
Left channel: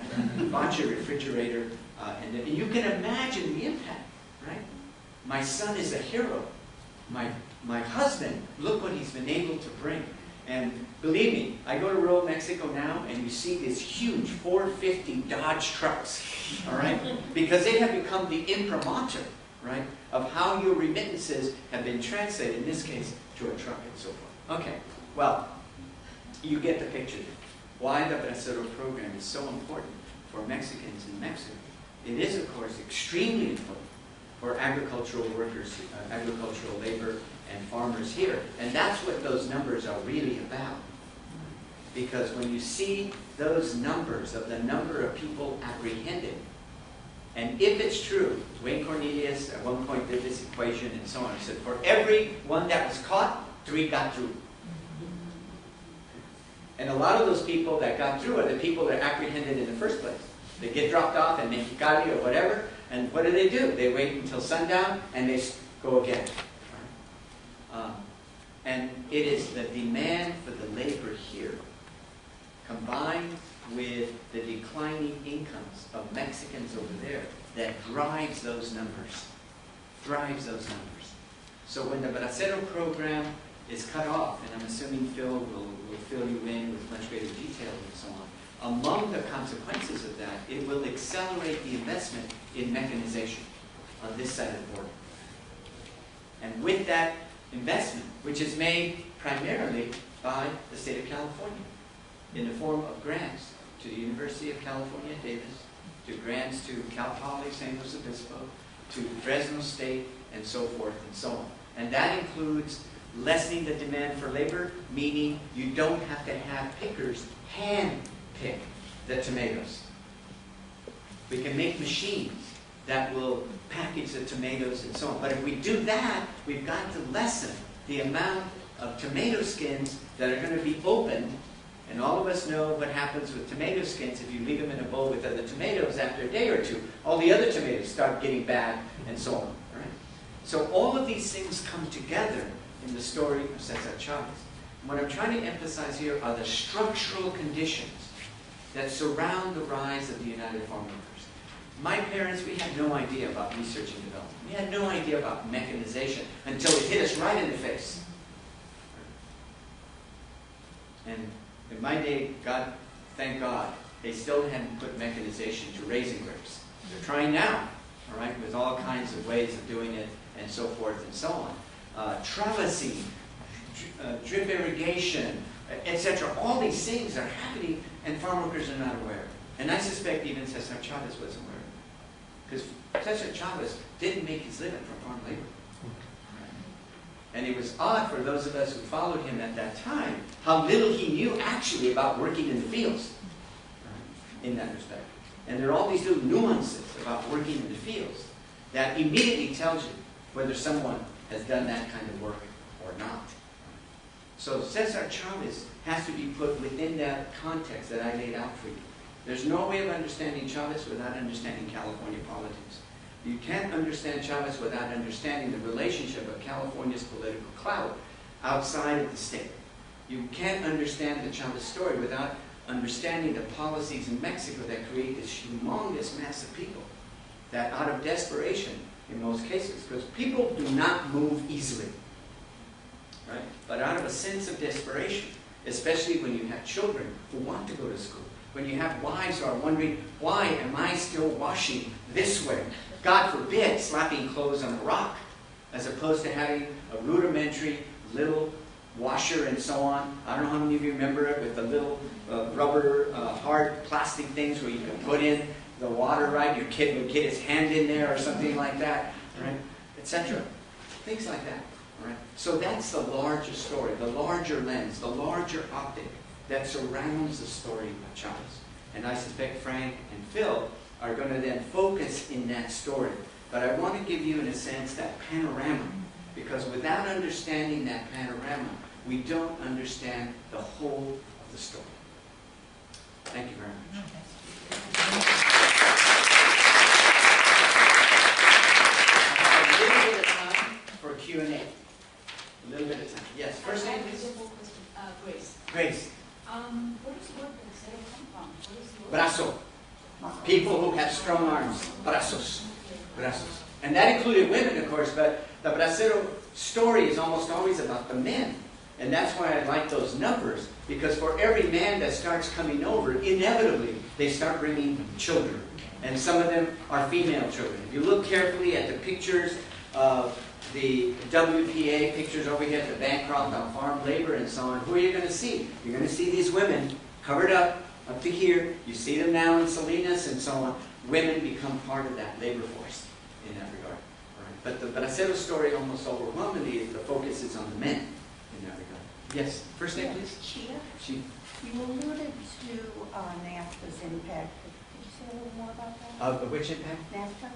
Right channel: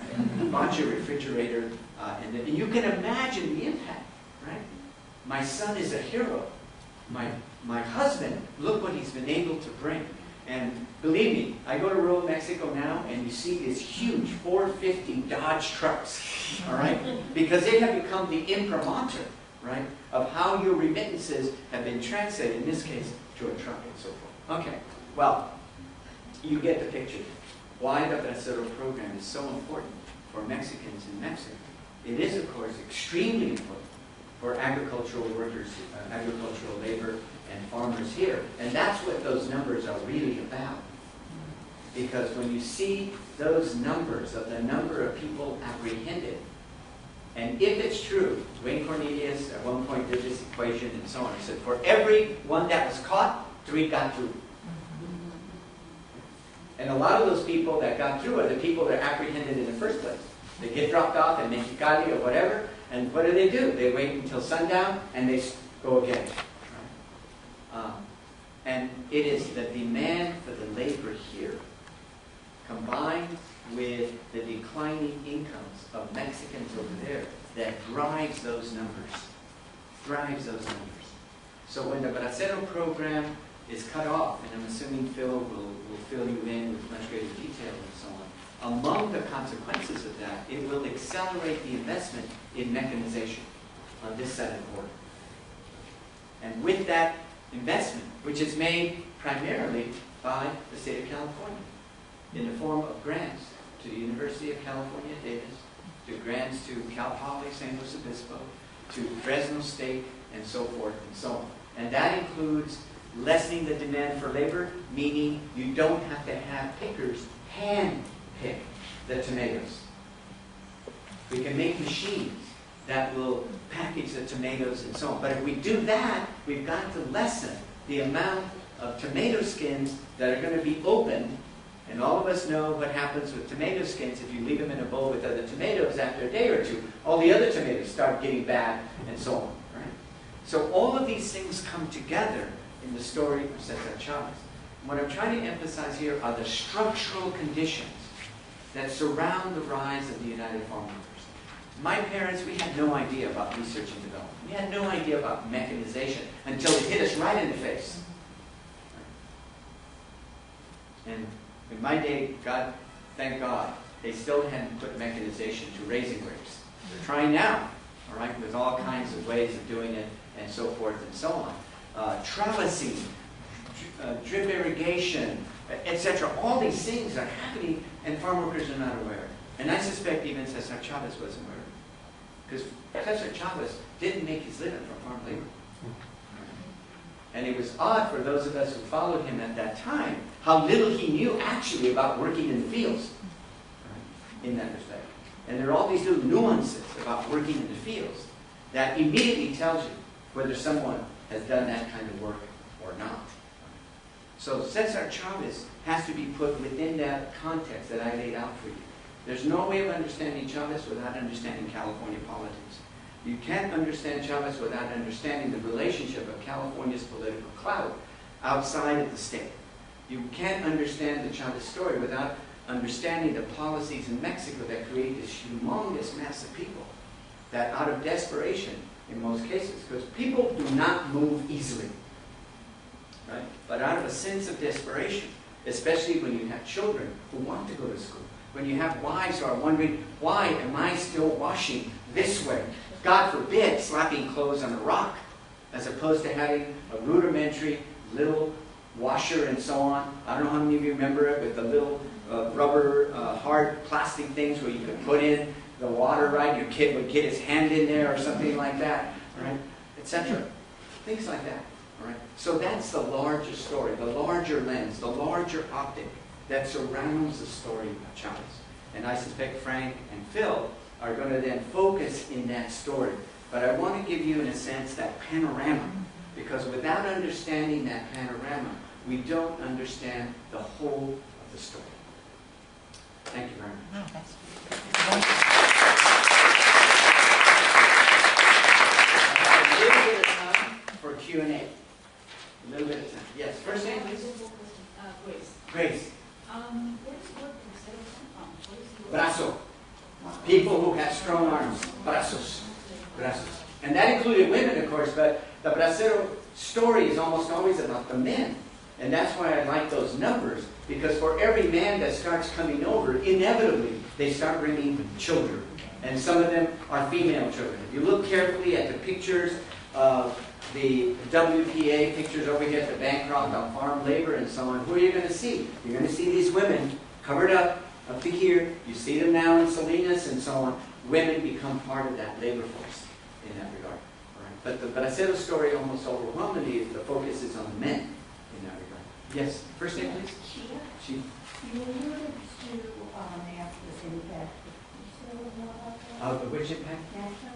Right? Bought your refrigerator. And you can imagine the impact, right? My son is a hero. My husband, look what he's been able to bring. And believe me, I go to rural Mexico now, and you see these huge 450 Dodge trucks, all right? Because they have become the imprimatur, right, of how your remittances have been translated, in this case, to a truck and so forth. Okay, well, you get the picture. Why the Bracero program is so important for Mexicans in Mexico. It is, of course, extremely important for agricultural workers, agricultural labor, and farmers here. And that's what those numbers are really about. Because when you see those numbers of the number of people apprehended, and if it's true, Wayne Cornelius at one point did this equation and so on. He said, for every one that was caught, 3 got through. And a lot of those people that got through are the people that are apprehended in the first place. They get dropped off in Mexicali or whatever, and what do? They wait until sundown, and they go again. And it is the demand for the labor here, combined with the declining incomes of Mexicans over there, that drives those numbers. So when the Bracero program is cut off, and I'm assuming Phil will fill you in with much greater detail and so on, among the consequences of that, it will accelerate the investment in mechanization on this side of the border. And with that investment, which is made primarily by the state of California, in the form of grants to the University of California, Davis, to grants to Cal Poly, San Luis Obispo, to Fresno State, and so forth and so on. And that includes lessening the demand for labor, meaning you don't have to have pickers hand pick the tomatoes. We can make machines that will package the tomatoes and so on. But if we do that, we've got to lessen the amount of tomato skins that are going to be opened And all of us know what happens with tomato skins if you leave them in a bowl with other tomatoes after a day or two. All the other tomatoes start getting bad and so on. Right? So all of these things come together in the story of Cesar Chavez. What I'm trying to emphasize here are the structural conditions that surround the rise of the United Farm Workers. My parents, we had no idea about research and development. We had no idea about mechanization until it hit us right in the face. And in my day, God, thank God, they still hadn't put mechanization to raising grapes. They're trying now, all right, with all kinds of ways of doing it and so forth and so on. Trellising, drip irrigation, etc. All these things are happening and farm workers are not aware. And I suspect even Cesar Chavez wasn't aware. Because Cesar Chavez didn't make his living from farm labor. And it was odd for those of us who followed him at that time, how little he knew actually about working in the fields, in that respect. And there are all these little nuances about working in the fields that immediately tells you whether someone has done that kind of work or not. So Cesar Chavez has to be put within that context that I laid out for you. There's no way of understanding Chavez without understanding California politics. You can't understand Chavez without understanding the relationship of California's political clout outside of the state. You can't understand the Chavez story without understanding the policies in Mexico that create this humongous mass of people that out of desperation, in most cases, because people do not move easily, right? But out of a sense of desperation, especially when you have children who want to go to school, when you have wives who are wondering, why am I still washing this way? God forbid, slapping clothes on a rock, as opposed to having a rudimentary little washer and so on. I don't know how many of you remember it with the little rubber, hard plastic things where you could put in the water, right? Your kid would get his hand in there or something like that, right? Etc. Things like that, all right? So that's the larger story, the larger lens, the larger optic that surrounds the story of Chavez. And I suspect Frank and Phil are going to then focus in that story. But I want to give you, in a sense, that panorama. Because without understanding that panorama, we don't understand the whole of the story. Thank you very much. A little bit of time for Q&A. A little bit of time. Yes, first name, please. Grace. Grace. Where does the word Bracero come from? Brazo. People who have strong arms. Brazos. Brazos. And that included women, of course, but the Bracero story is almost always about the men. And that's why I like those numbers, because for every man that starts coming over, inevitably, they start bringing children. And some of them are female children. If you look carefully at the pictures of the WPA, pictures over here at the Bancroft on farm labor and so on, who are you going to see? You're going to see these women covered up to here. You see them now in Salinas and so on. Women become part of that labor force in that regard. Right? But the Bracero story almost overwhelmingly is the focus is on the men in that regard. Yes, first name please. Chia. You alluded to NAFTA's impact. Could you say a little more about that? Which impact? NAFTA?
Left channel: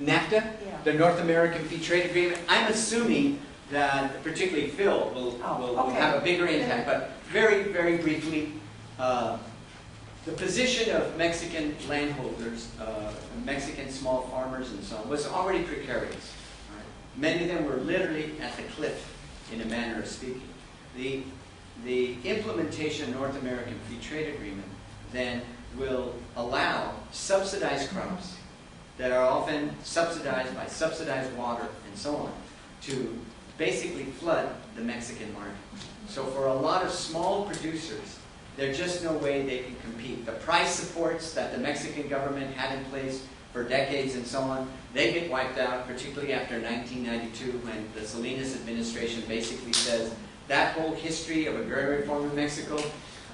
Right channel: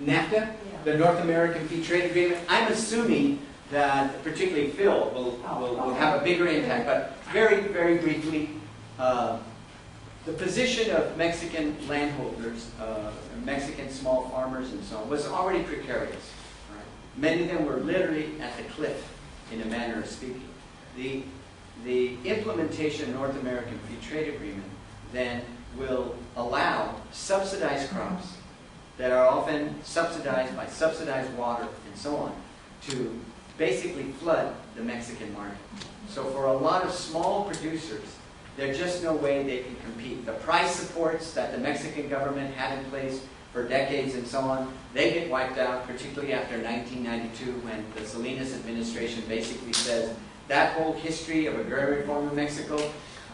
NAFTA? Yeah. The North American Free Trade Agreement. I'm assuming that particularly Phil will have a bigger impact, but very, very briefly, the position of Mexican landholders, Mexican small farmers and so on, was already precarious. Right? Many of them were literally at the cliff, in a manner of speaking. The implementation of North American Free Trade Agreement then will allow subsidized crops that are often subsidized by subsidized water and so on to basically flood the Mexican market. So for a lot of small producers, there's just no way they can compete. The price supports that the Mexican government had in place for decades and so on, they get wiped out, particularly after 1992 when the Salinas administration basically says that whole history of agrarian reform in Mexico,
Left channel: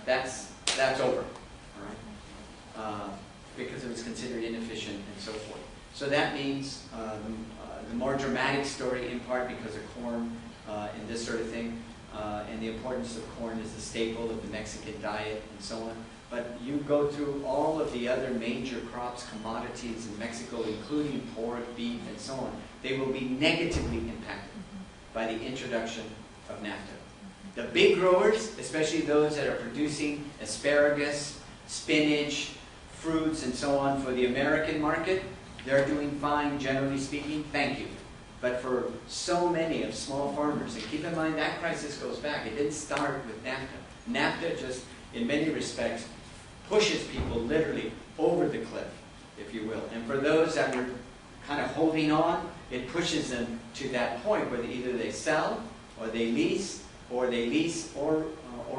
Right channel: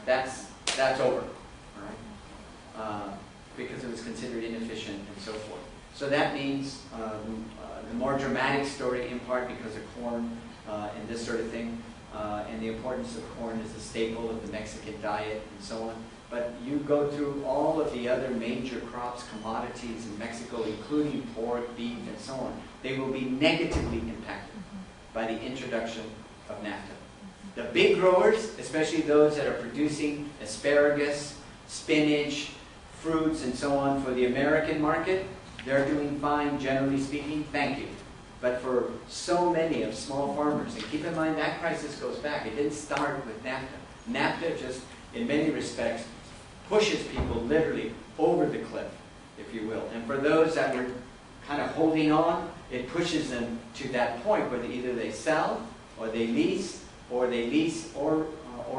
that's over, all right? Because it was considered inefficient and so forth. So that means the more dramatic story, in part because of corn and this sort of thing, and the importance of corn as a staple of the Mexican diet and so on. But you go through all of the other major crops, commodities in Mexico, including pork, beef, and so on, they will be negatively impacted by the introduction of NAFTA. The big growers, especially those that are producing asparagus, spinach, fruits, and so on for the American market, they're doing fine, generally speaking, thank you. But for so many of small farmers, and keep in mind that crisis goes back, it didn't start with NAFTA. NAFTA just, in many respects, pushes people literally over the cliff, if you will. And for those that were kind of holding on, it pushes them to that point where either they sell, or they lease, or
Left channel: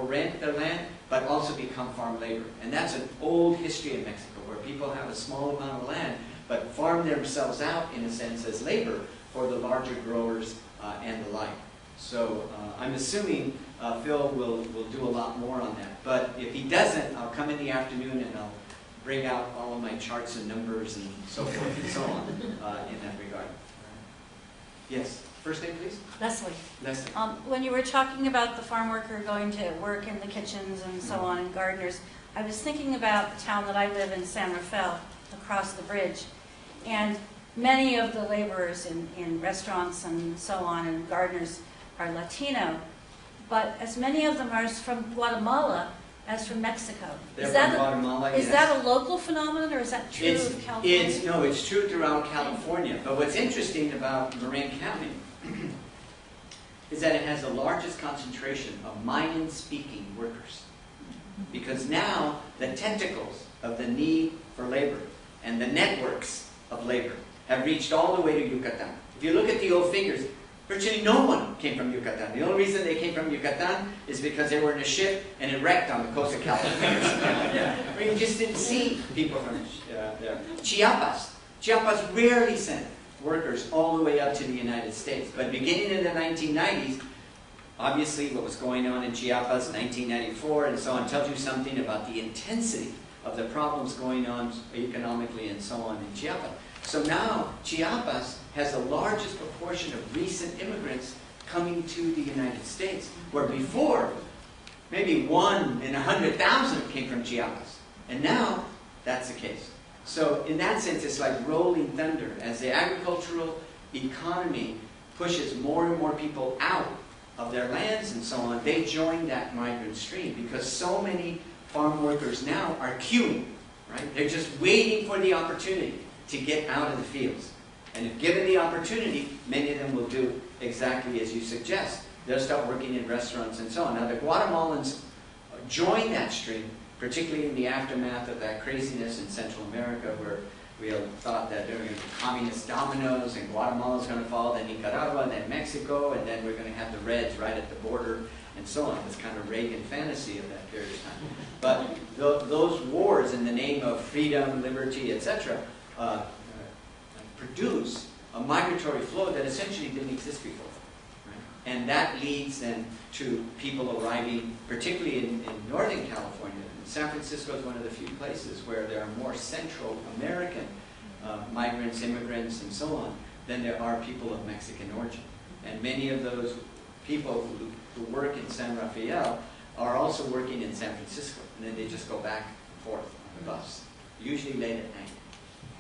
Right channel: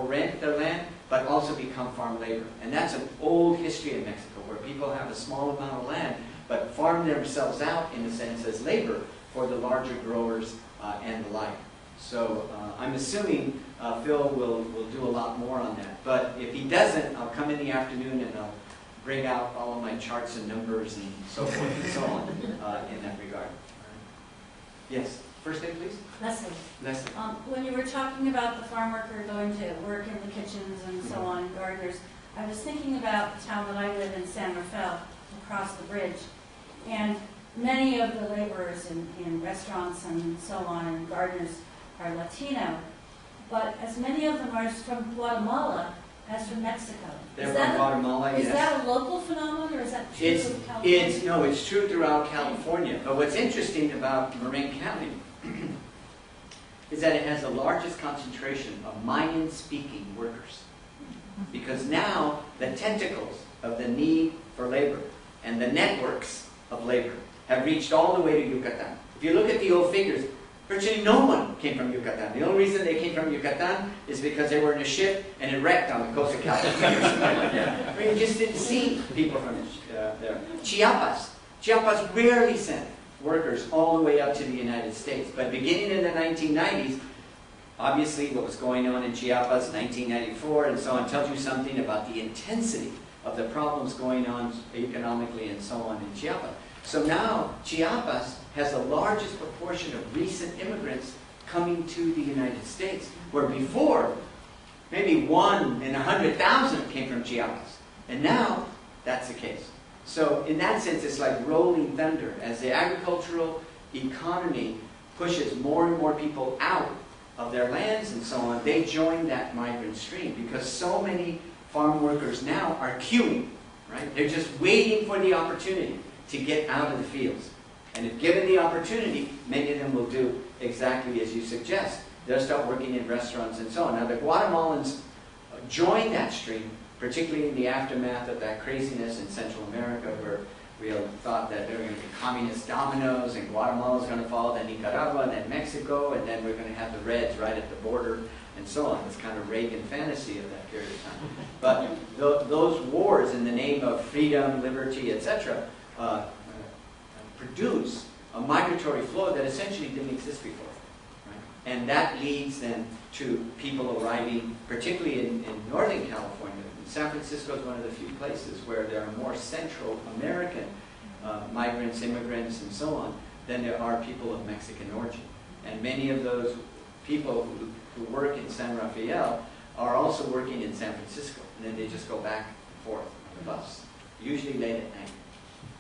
rent their land, but also become farm labor. And that's an old history in Mexico, where people have a small amount of land, but farm themselves out, in a sense, as labor for the larger growers and the like. So I'm assuming Phil will do a lot more on that. But if he doesn't, I'll come in the afternoon and I'll bring out all of my charts and numbers and so forth and so on in that regard. Yes, first name please? Leslie. Leslie. When you were talking about the farm worker going to work in the kitchens and so on, and gardeners, I was thinking about the town that I live in, San Rafael, across the bridge. And many of the laborers in restaurants and so on, and gardeners, are Latino. But as many of them are from Guatemala as from Mexico. They're from Guatemala, yes. Is that a local phenomenon, or is that true in California? No, it's true throughout California. But what's interesting about Marin County is that it has the largest concentration of Mayan-speaking workers. Because now the tentacles of the need for labor and the networks of labor have reached all the way to Yucatan. If you look at the old figures, virtually no one came from Yucatan. The only reason they came from Yucatan is because they were in a ship and it wrecked on the coast of California. I mean, you just didn't see people from there. Chiapas rarely sent workers all the way up to the United States. But beginning in the 1990s, obviously what was going on in Chiapas, 1994 and so on, tells you something about the intensity of the problems going on economically and so on in Chiapas. So now Chiapas has the largest proportion of recent immigrants coming to the United States, where before maybe 1 in 100,000 came from Chiapas. And now that's the case. So in that sense, it's like rolling thunder. As the agricultural economy pushes more and more people out of their lands and so on, they join that migrant stream, because so many farm workers now are queuing, right? They're just waiting for the opportunity to get out of the fields. And if given the opportunity, many of them will do exactly as you suggest. They'll start working in restaurants and so on. Now the Guatemalans joined that stream, particularly in the aftermath of that craziness in Central America, where we thought that there were going to be communist dominoes and Guatemala's going to fall, then Nicaragua, and then Mexico, and then we're going to have the Reds right at the border and so on. It's kind of Reagan fantasy of that period of time. But those wars in the name of freedom, liberty, etc., produce a migratory flow that essentially didn't exist before. Right? And that leads then to people arriving, particularly in Northern California. San Francisco is one of the few places where there are more Central American migrants, immigrants, and so on, than there are people of Mexican origin. And many of those people who work in San Rafael are also working in San Francisco. And then they just go back and forth on the bus, usually late at night.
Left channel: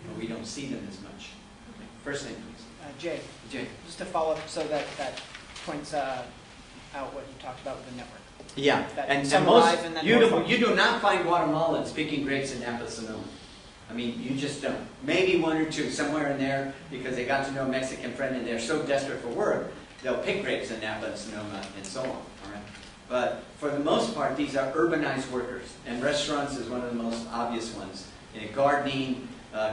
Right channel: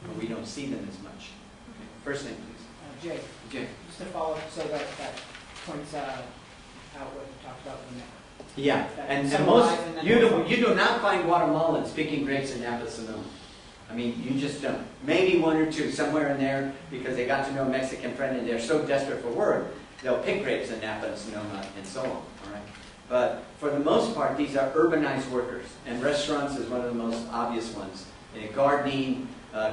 But we don't see them as much. Okay. First name, please. Jay. Jay. Just to follow up, so that points out what you talked about with the network. Yeah, and most, you do not find Guatemalans picking grapes in Napa Sonoma. I mean, you just don't. Maybe one or two somewhere in there, because they got to know a Mexican friend and they're so desperate for work, they'll pick grapes in Napa and Sonoma and so on, all right? But for the most part, these are urbanized workers, and restaurants is one of the most obvious ones. Gardening,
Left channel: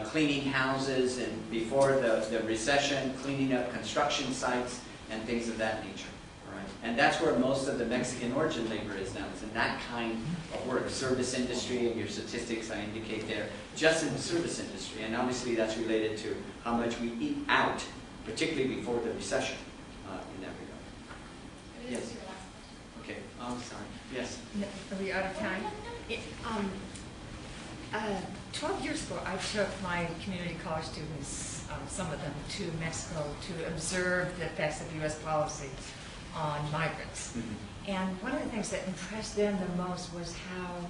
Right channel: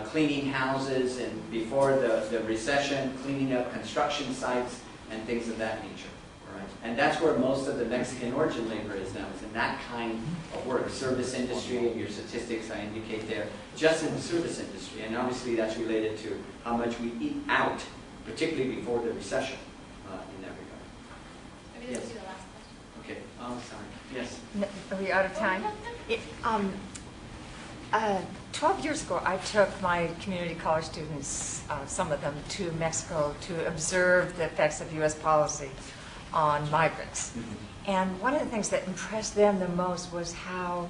cleaning houses, and before the recession, cleaning up construction sites and things of that nature. Right. And that's where most of the Mexican origin labor is now. It's in that kind of work. Service industry, and your statistics I indicate there, just in the service industry. And obviously that's related to how much we eat out, particularly before the recession in that regard. Maybe this is your last question. Okay. Oh, sorry. Yes. Are we out of time? 12 years ago, I took my community college students, some of them, to Mexico to observe the effects of U.S. policy on migrants. Mm-hmm. And one of the things that impressed them the most was how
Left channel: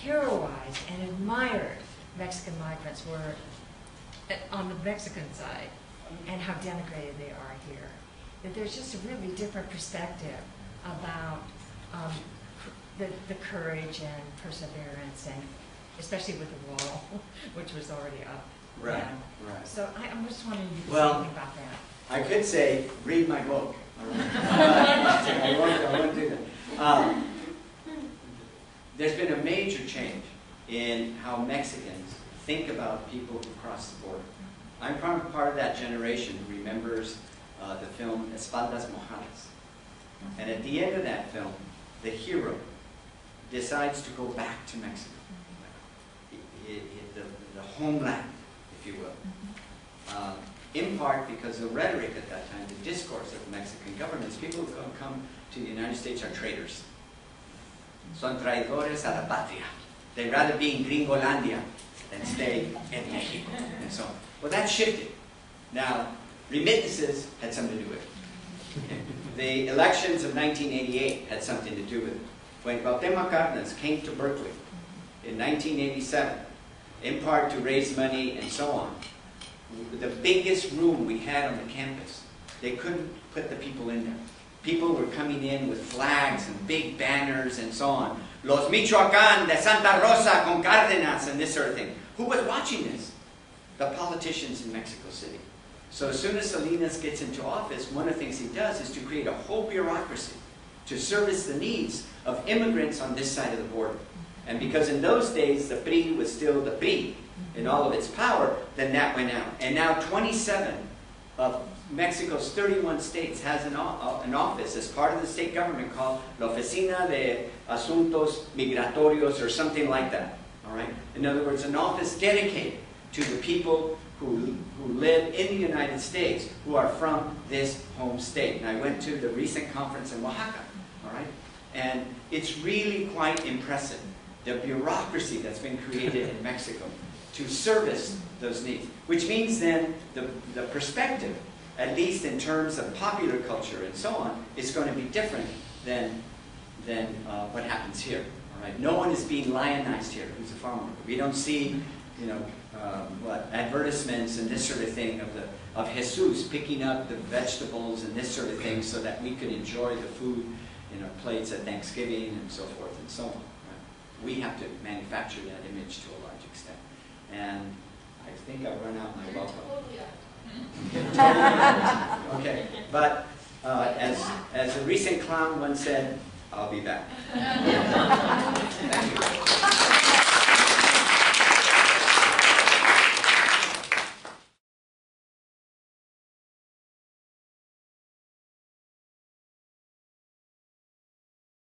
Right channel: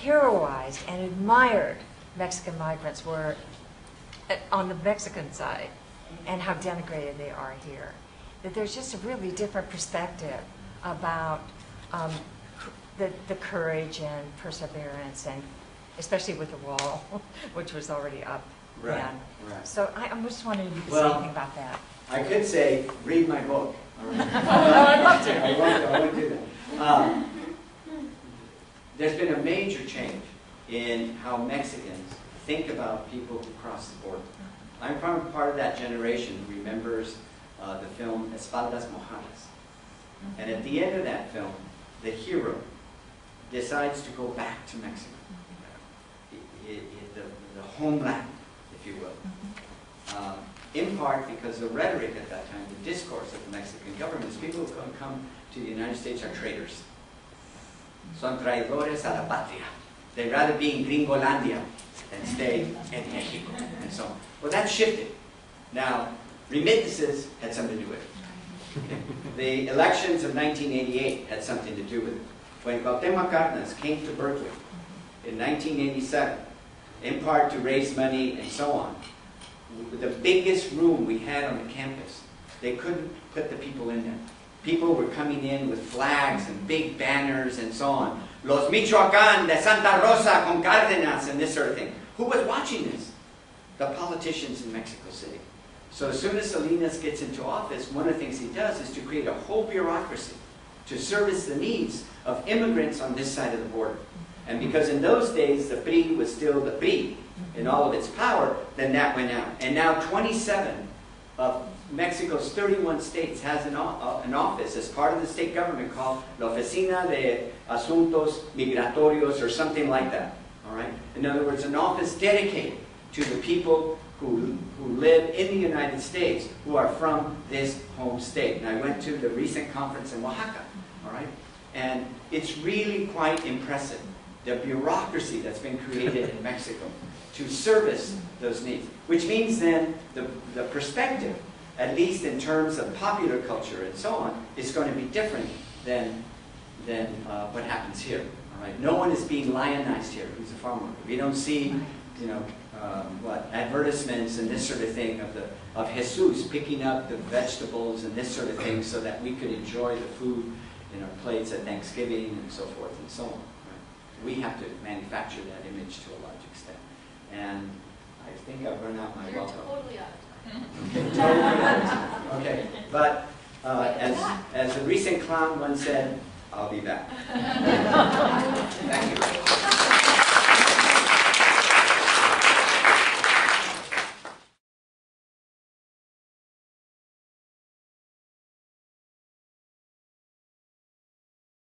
heroized and admired Mexican migrants were on the Mexican side, and how denigrated they are here. That there's just a really different perspective about the courage and perseverance, and especially with the wall, which was already up. Right, And right. so I'm just wondering if you could say Well, anything about that. I could say, read my book. All right. I won't do that. There's been a major change in how Mexicans think about people who cross the border. I'm part of that generation who remembers the film Espaldas Mojadas. And at the end of that film, the hero decides to go back to Mexico, the homeland, if you will. In part because the rhetoric at that time, the discourse of the Mexican government, is people who come to the United States are traitors. Son traidores a la patria. They'd rather be in Gringolandia than stay in Mexico, and so on. Well, that shifted. Now, remittances had something to do with it. Okay. The elections of 1988 had something to do with it. When Cuauhtémoc Cárdenas came to Berkeley in 1987, in part to raise money and so on, the biggest room we had on the campus, they couldn't put the people in there. People were coming in with flags and big banners and so on. Los Michoacán de Santa Rosa con Cárdenas and this sort of thing. Who was watching this? The politicians in Mexico City. So as soon as Salinas gets into office, one of the things he does is to create a whole bureaucracy to service the needs of immigrants on this side of the border. And because in those days the PRI was still the PRI in all of its power, then that went out. And now 27 of Mexico's 31 states has an office as part of the state government called La Oficina de Asuntos Migratorios or something like that. All right? In other words, an office dedicated to the people who live in the United States who are from this home state. And I went to the recent conference in Oaxaca. All right? And it's really quite impressive, the bureaucracy that's been created in Mexico to service those needs. Which means then the perspective, at least in terms of popular culture and so on, is going to be different than what happens here. All right? No one is being lionized here who's a farm worker. We don't see, advertisements and this sort of thing of Jesus picking up the vegetables and this sort of thing so that we could enjoy the food in our plates at Thanksgiving and so forth and so on. Right? We have to manufacture that image to a large extent. And I think I've run out my welcome. Totally out of time. Okay, totally out of time. Okay, but as a recent clown once said, I'll be back. Thank you.